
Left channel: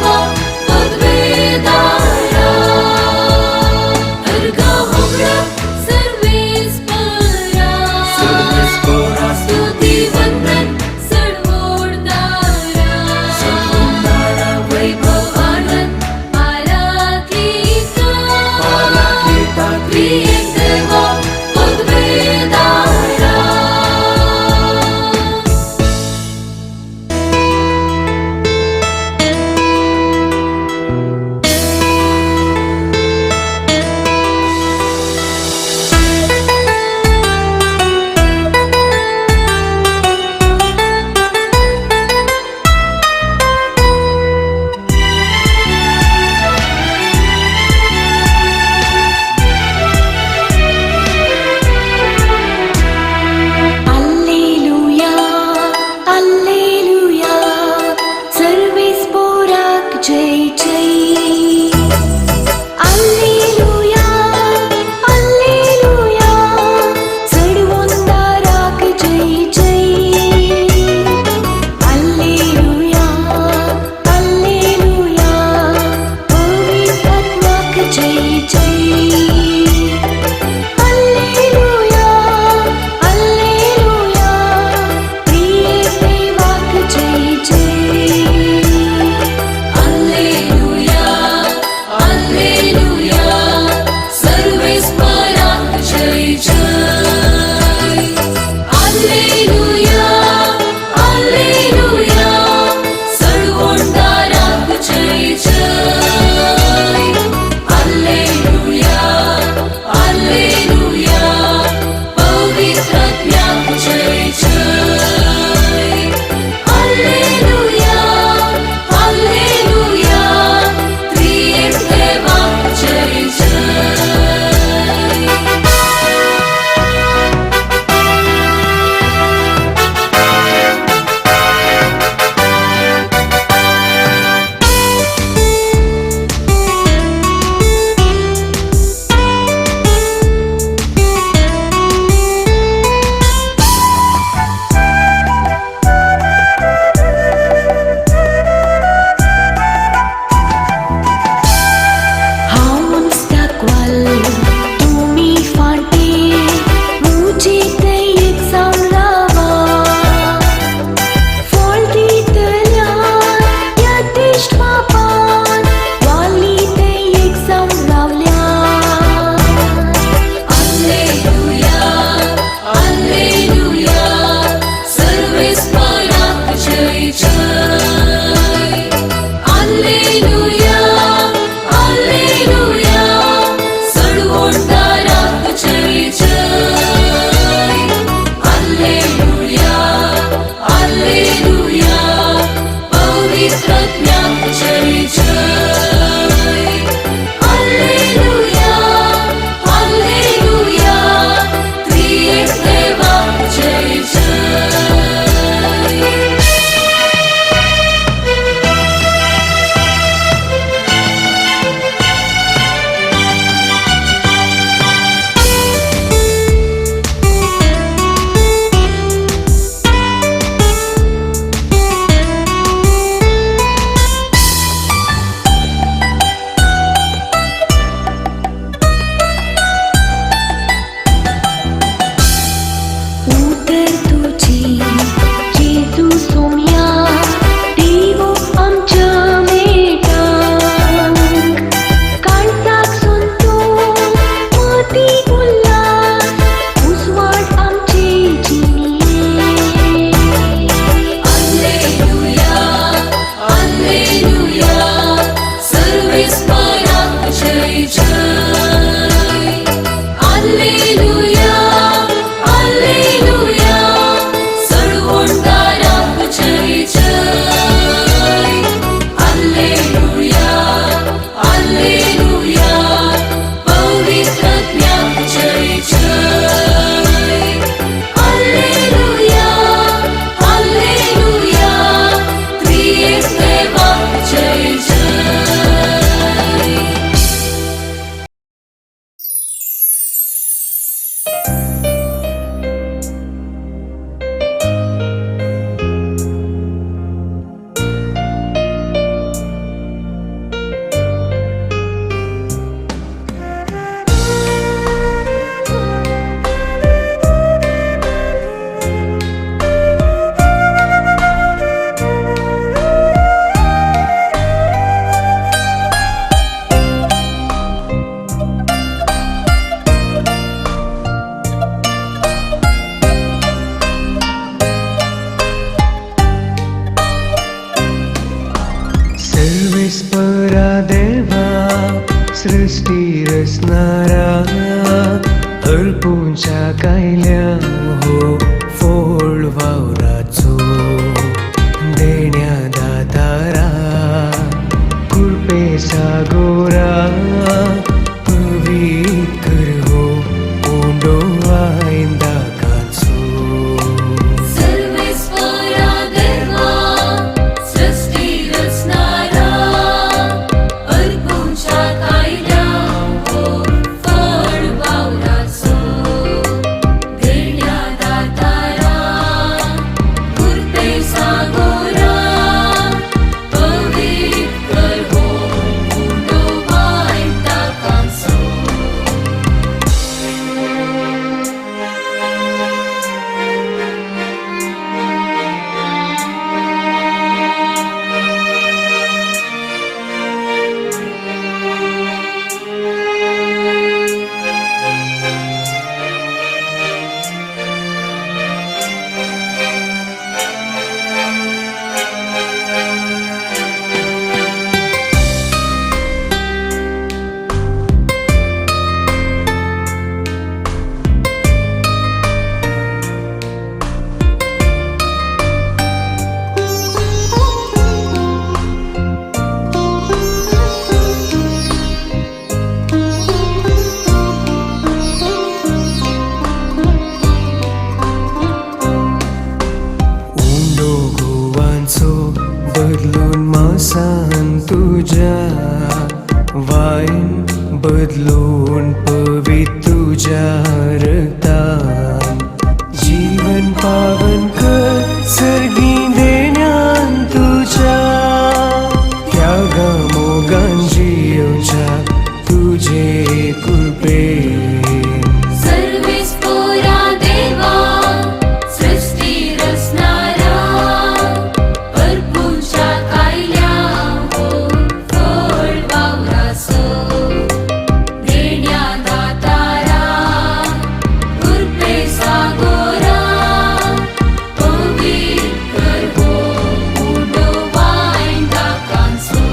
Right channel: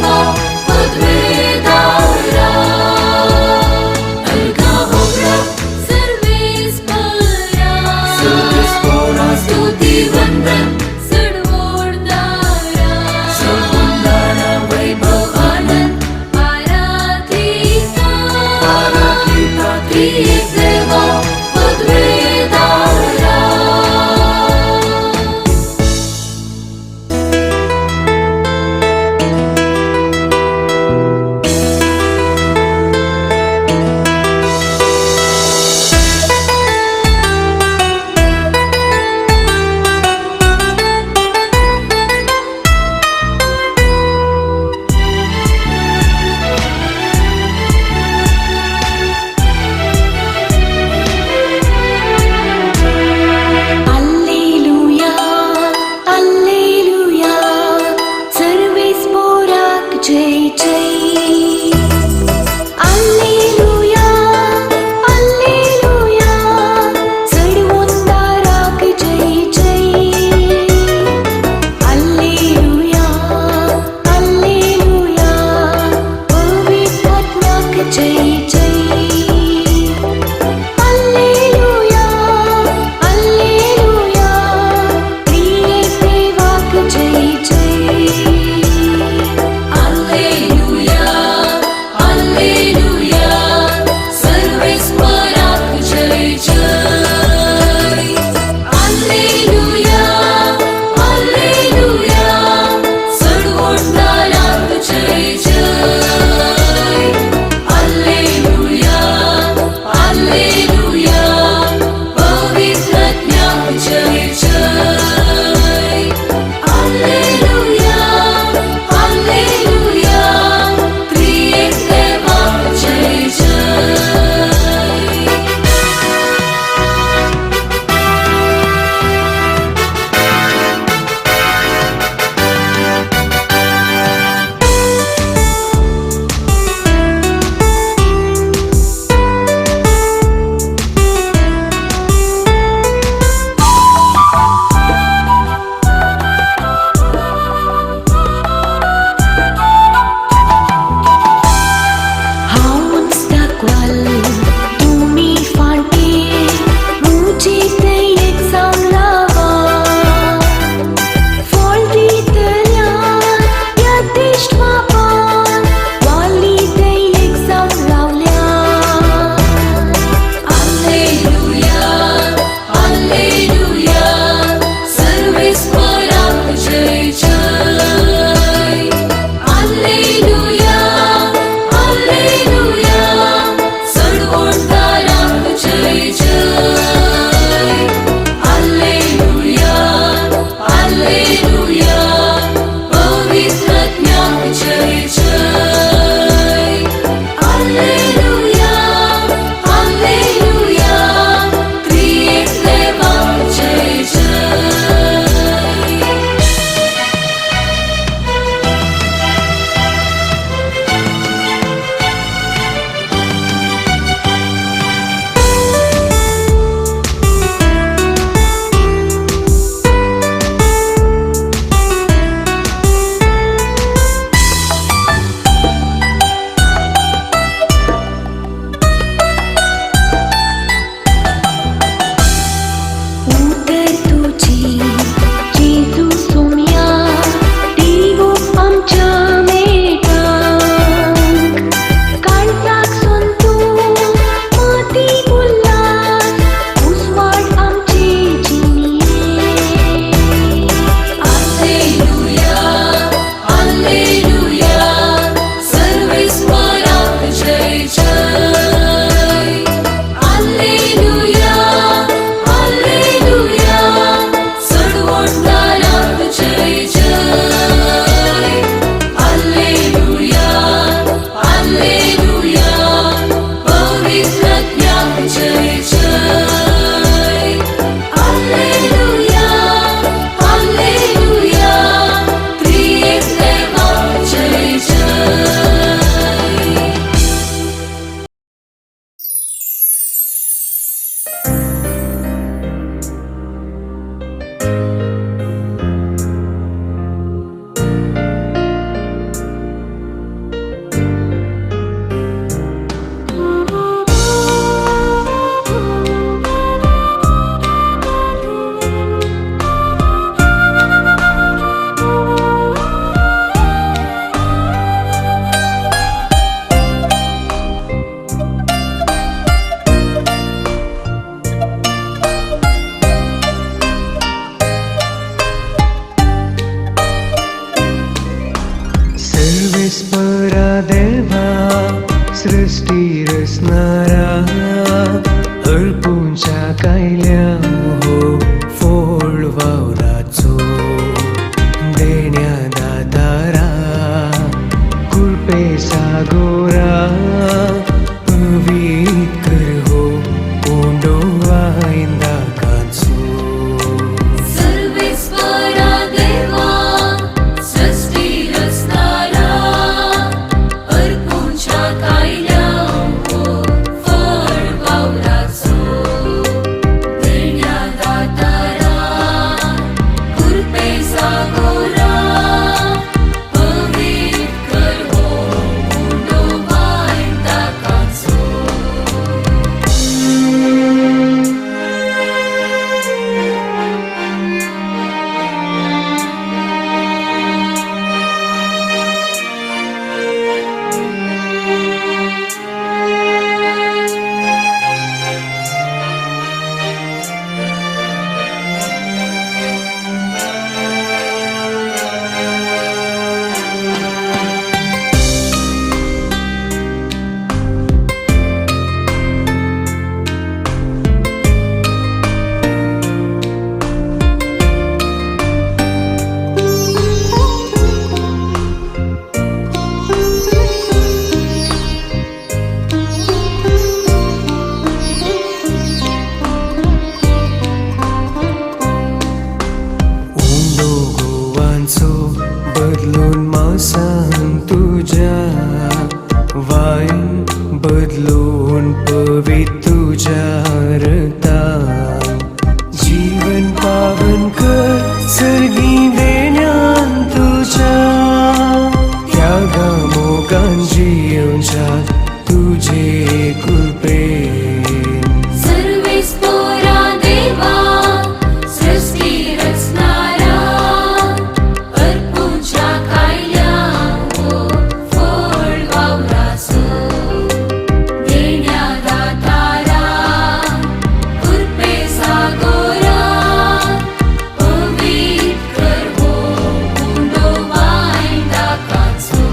सृष्टी रचणारा अर्पूंच्या कायल्या हो फोड वावराचो देण्यादातारा कृपे सागोरा पवित्र हो ओंडो आयंदा कांचो सर्वेश्वरा देवा सृष्टी रचणारा अर्पूंच्या कायल्या हो फळ वावराचो देण्यादातारा कृपे सागोरा पवित्र हो ओंडो आयंदा कांचो ओंडो गोवांचो बदलून मांसान तुझ्या वायू बदलून पवित्र तुझ्या रक्तान जीवन पावन कर सर्गी देण्यान तुझ्या त्यागा मोगान जियोच्या तुझे कृपेन सर्वेश्वरा देवा सृष्टी रचणारा अर्पूंच्या कायल्या हो फळ वावराचो देण्यादातारा कृपे सागोरा पवित्र हो ओंडो आयंदा कांचो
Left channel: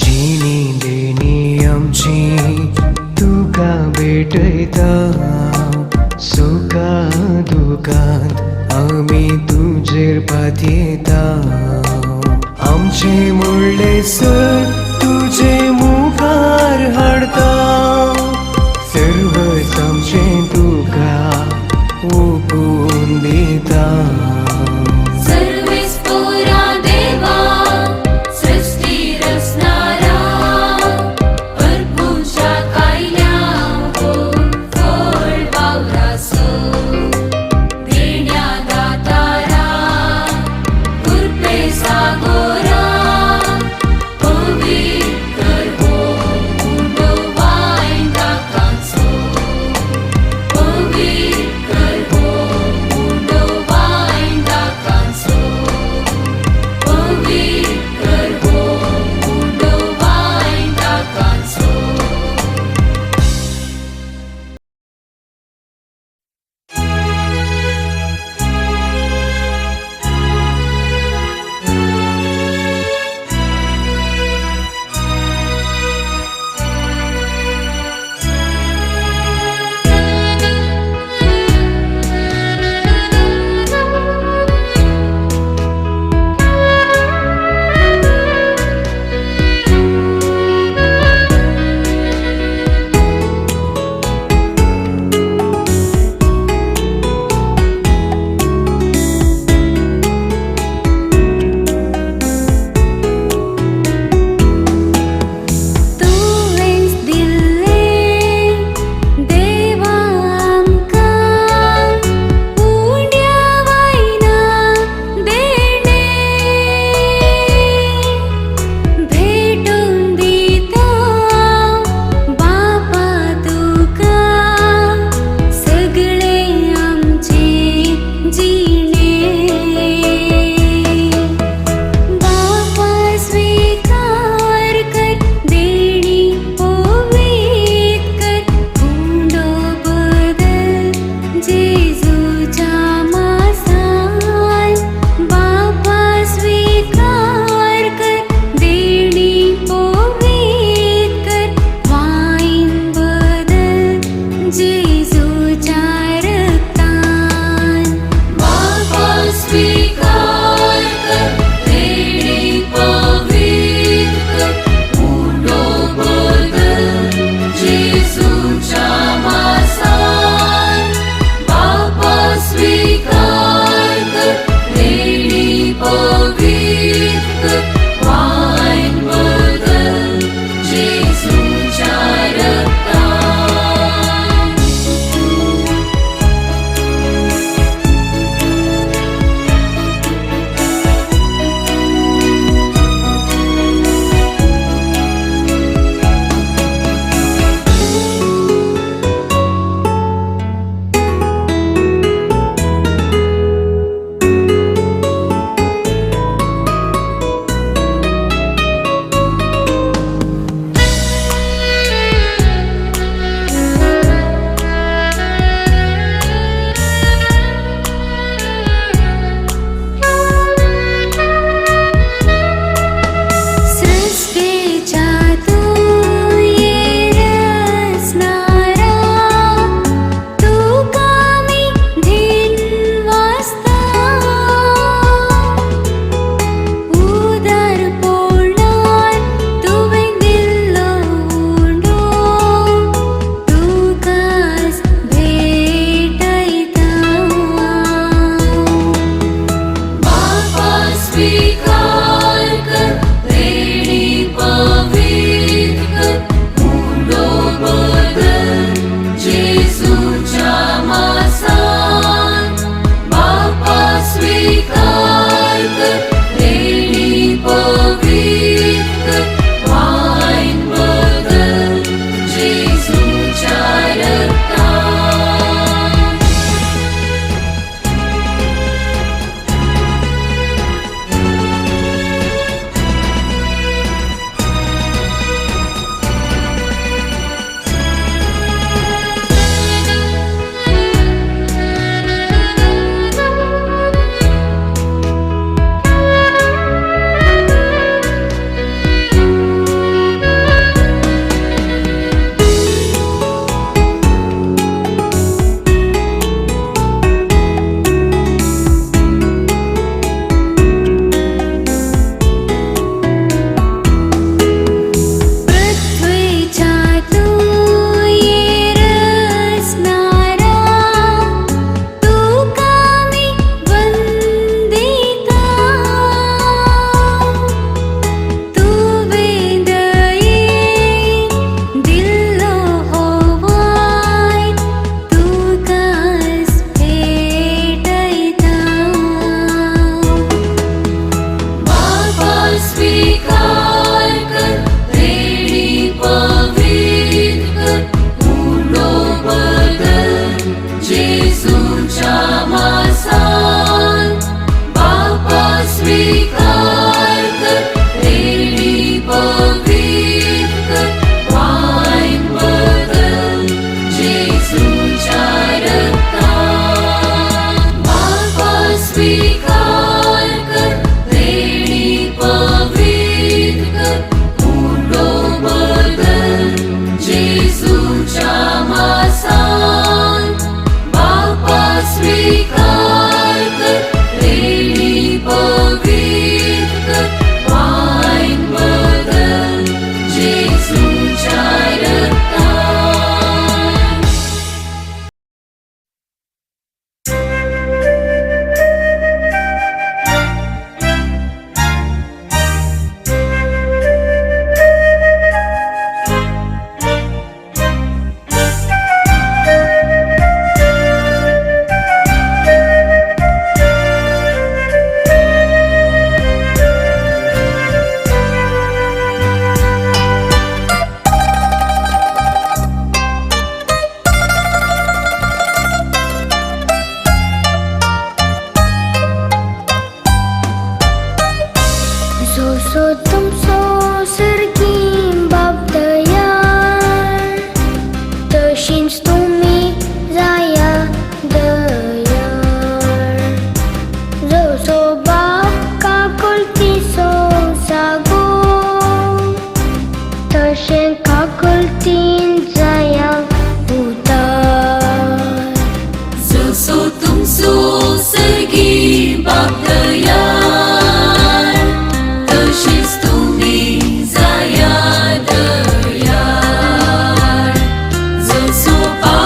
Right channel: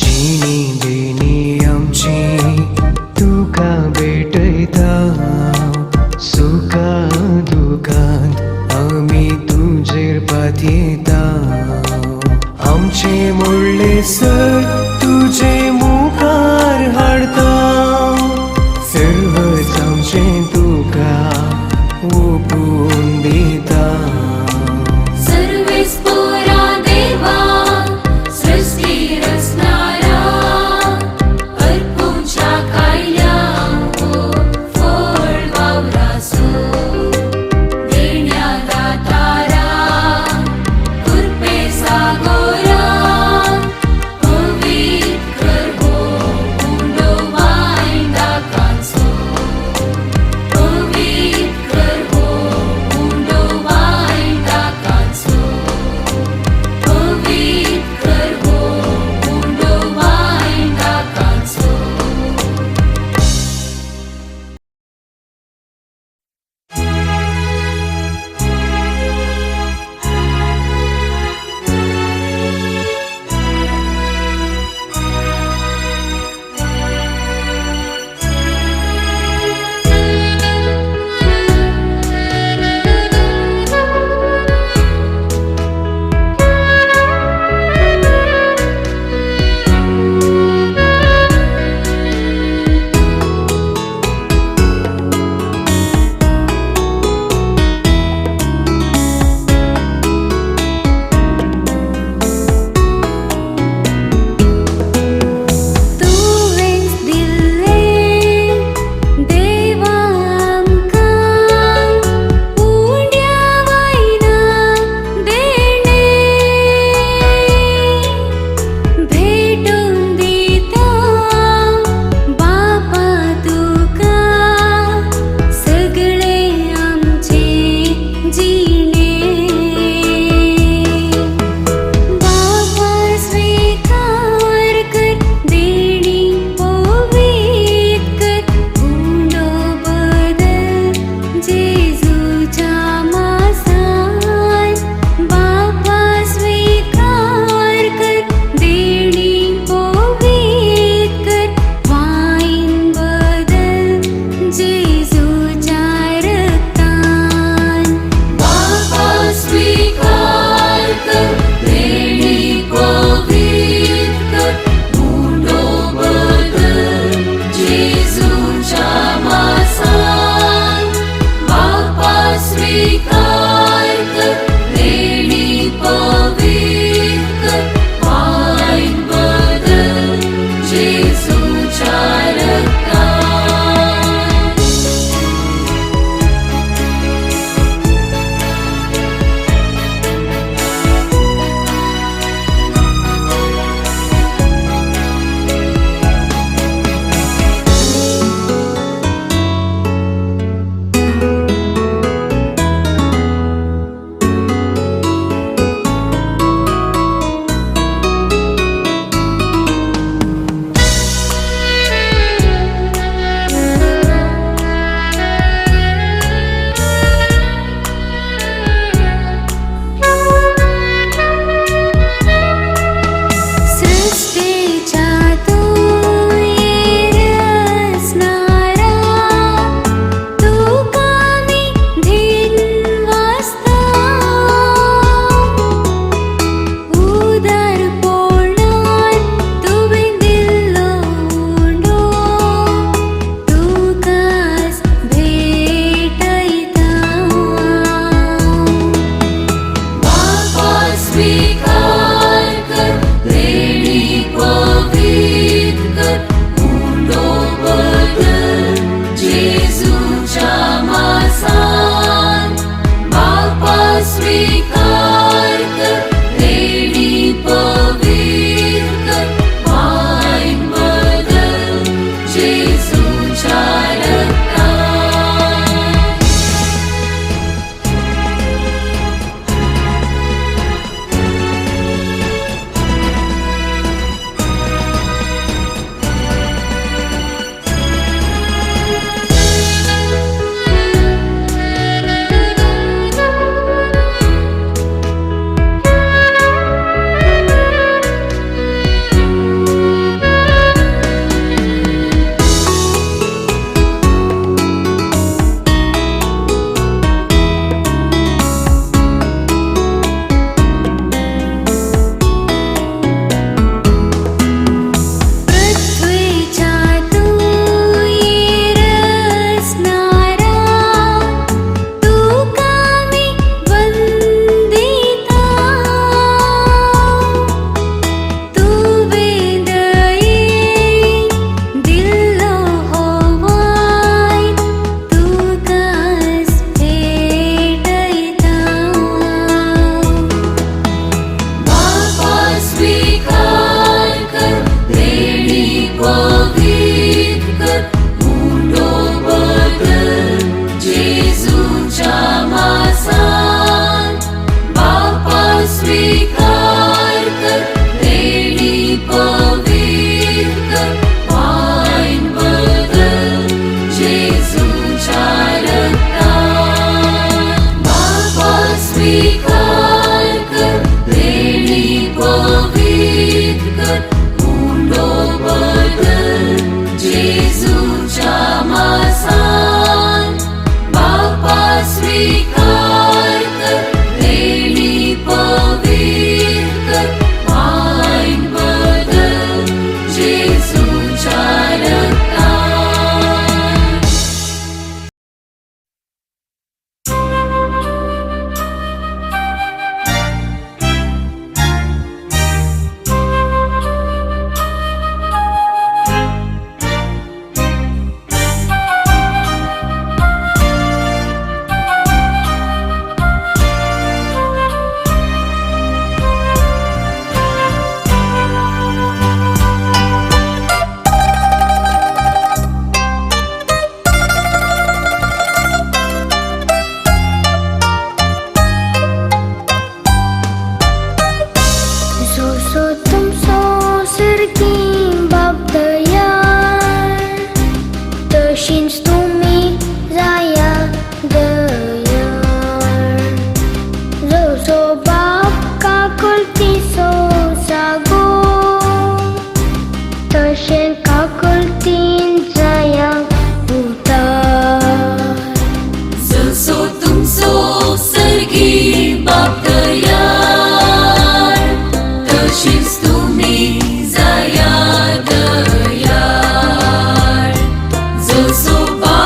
जिणी देणी आमची तुका भेटता सुखा दुखांत आमी तुजेर पातयेता आमचे मोडले सर तुजे मुखार हाडता सर्व आमचे तुका ओपून दिता सर्वेश्वरा देवा सृष्टी रचणारा अर्पूंच्या कायल्या हो फळ जेजूच्या मासान बापा स्वीकार कर, देणी पवित्र कर, वाईन बदल जेजूच्या रक्तात. पृथ्वीच्या तुई रचणारा, तुका मी वंदिता. तू वेगळी दिलो होवाय, तुकाच भेटैता. बापा स्वीकार कर, देणी पवित्र कर, मुंडो बदल जेजूच्या मासान. बापा स्वीकार कर, देणी पवित्र कर, वाईन बदल जेजूच्या रक्तात. बापा स्वीकार कर, देणी पवित्र कर, मुंडो बदल जेजूच्या मासान. बापा स्वीकार कर, देणी पवित्र कर, वाईन बदल जेजूच्या रक्तात. सो तुम सो सरकी बाप दयाळ, तशीच तुम्ही जाया दयाळ. जसो बाप काकुलती सो जागो, तशें काकुलतीन जाया उदार. जसो तुमचो सर्गी बाप दयाळ, तशीच तुम्ही जाया दयाळ. जसो बाप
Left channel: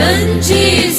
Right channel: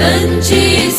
त्यांची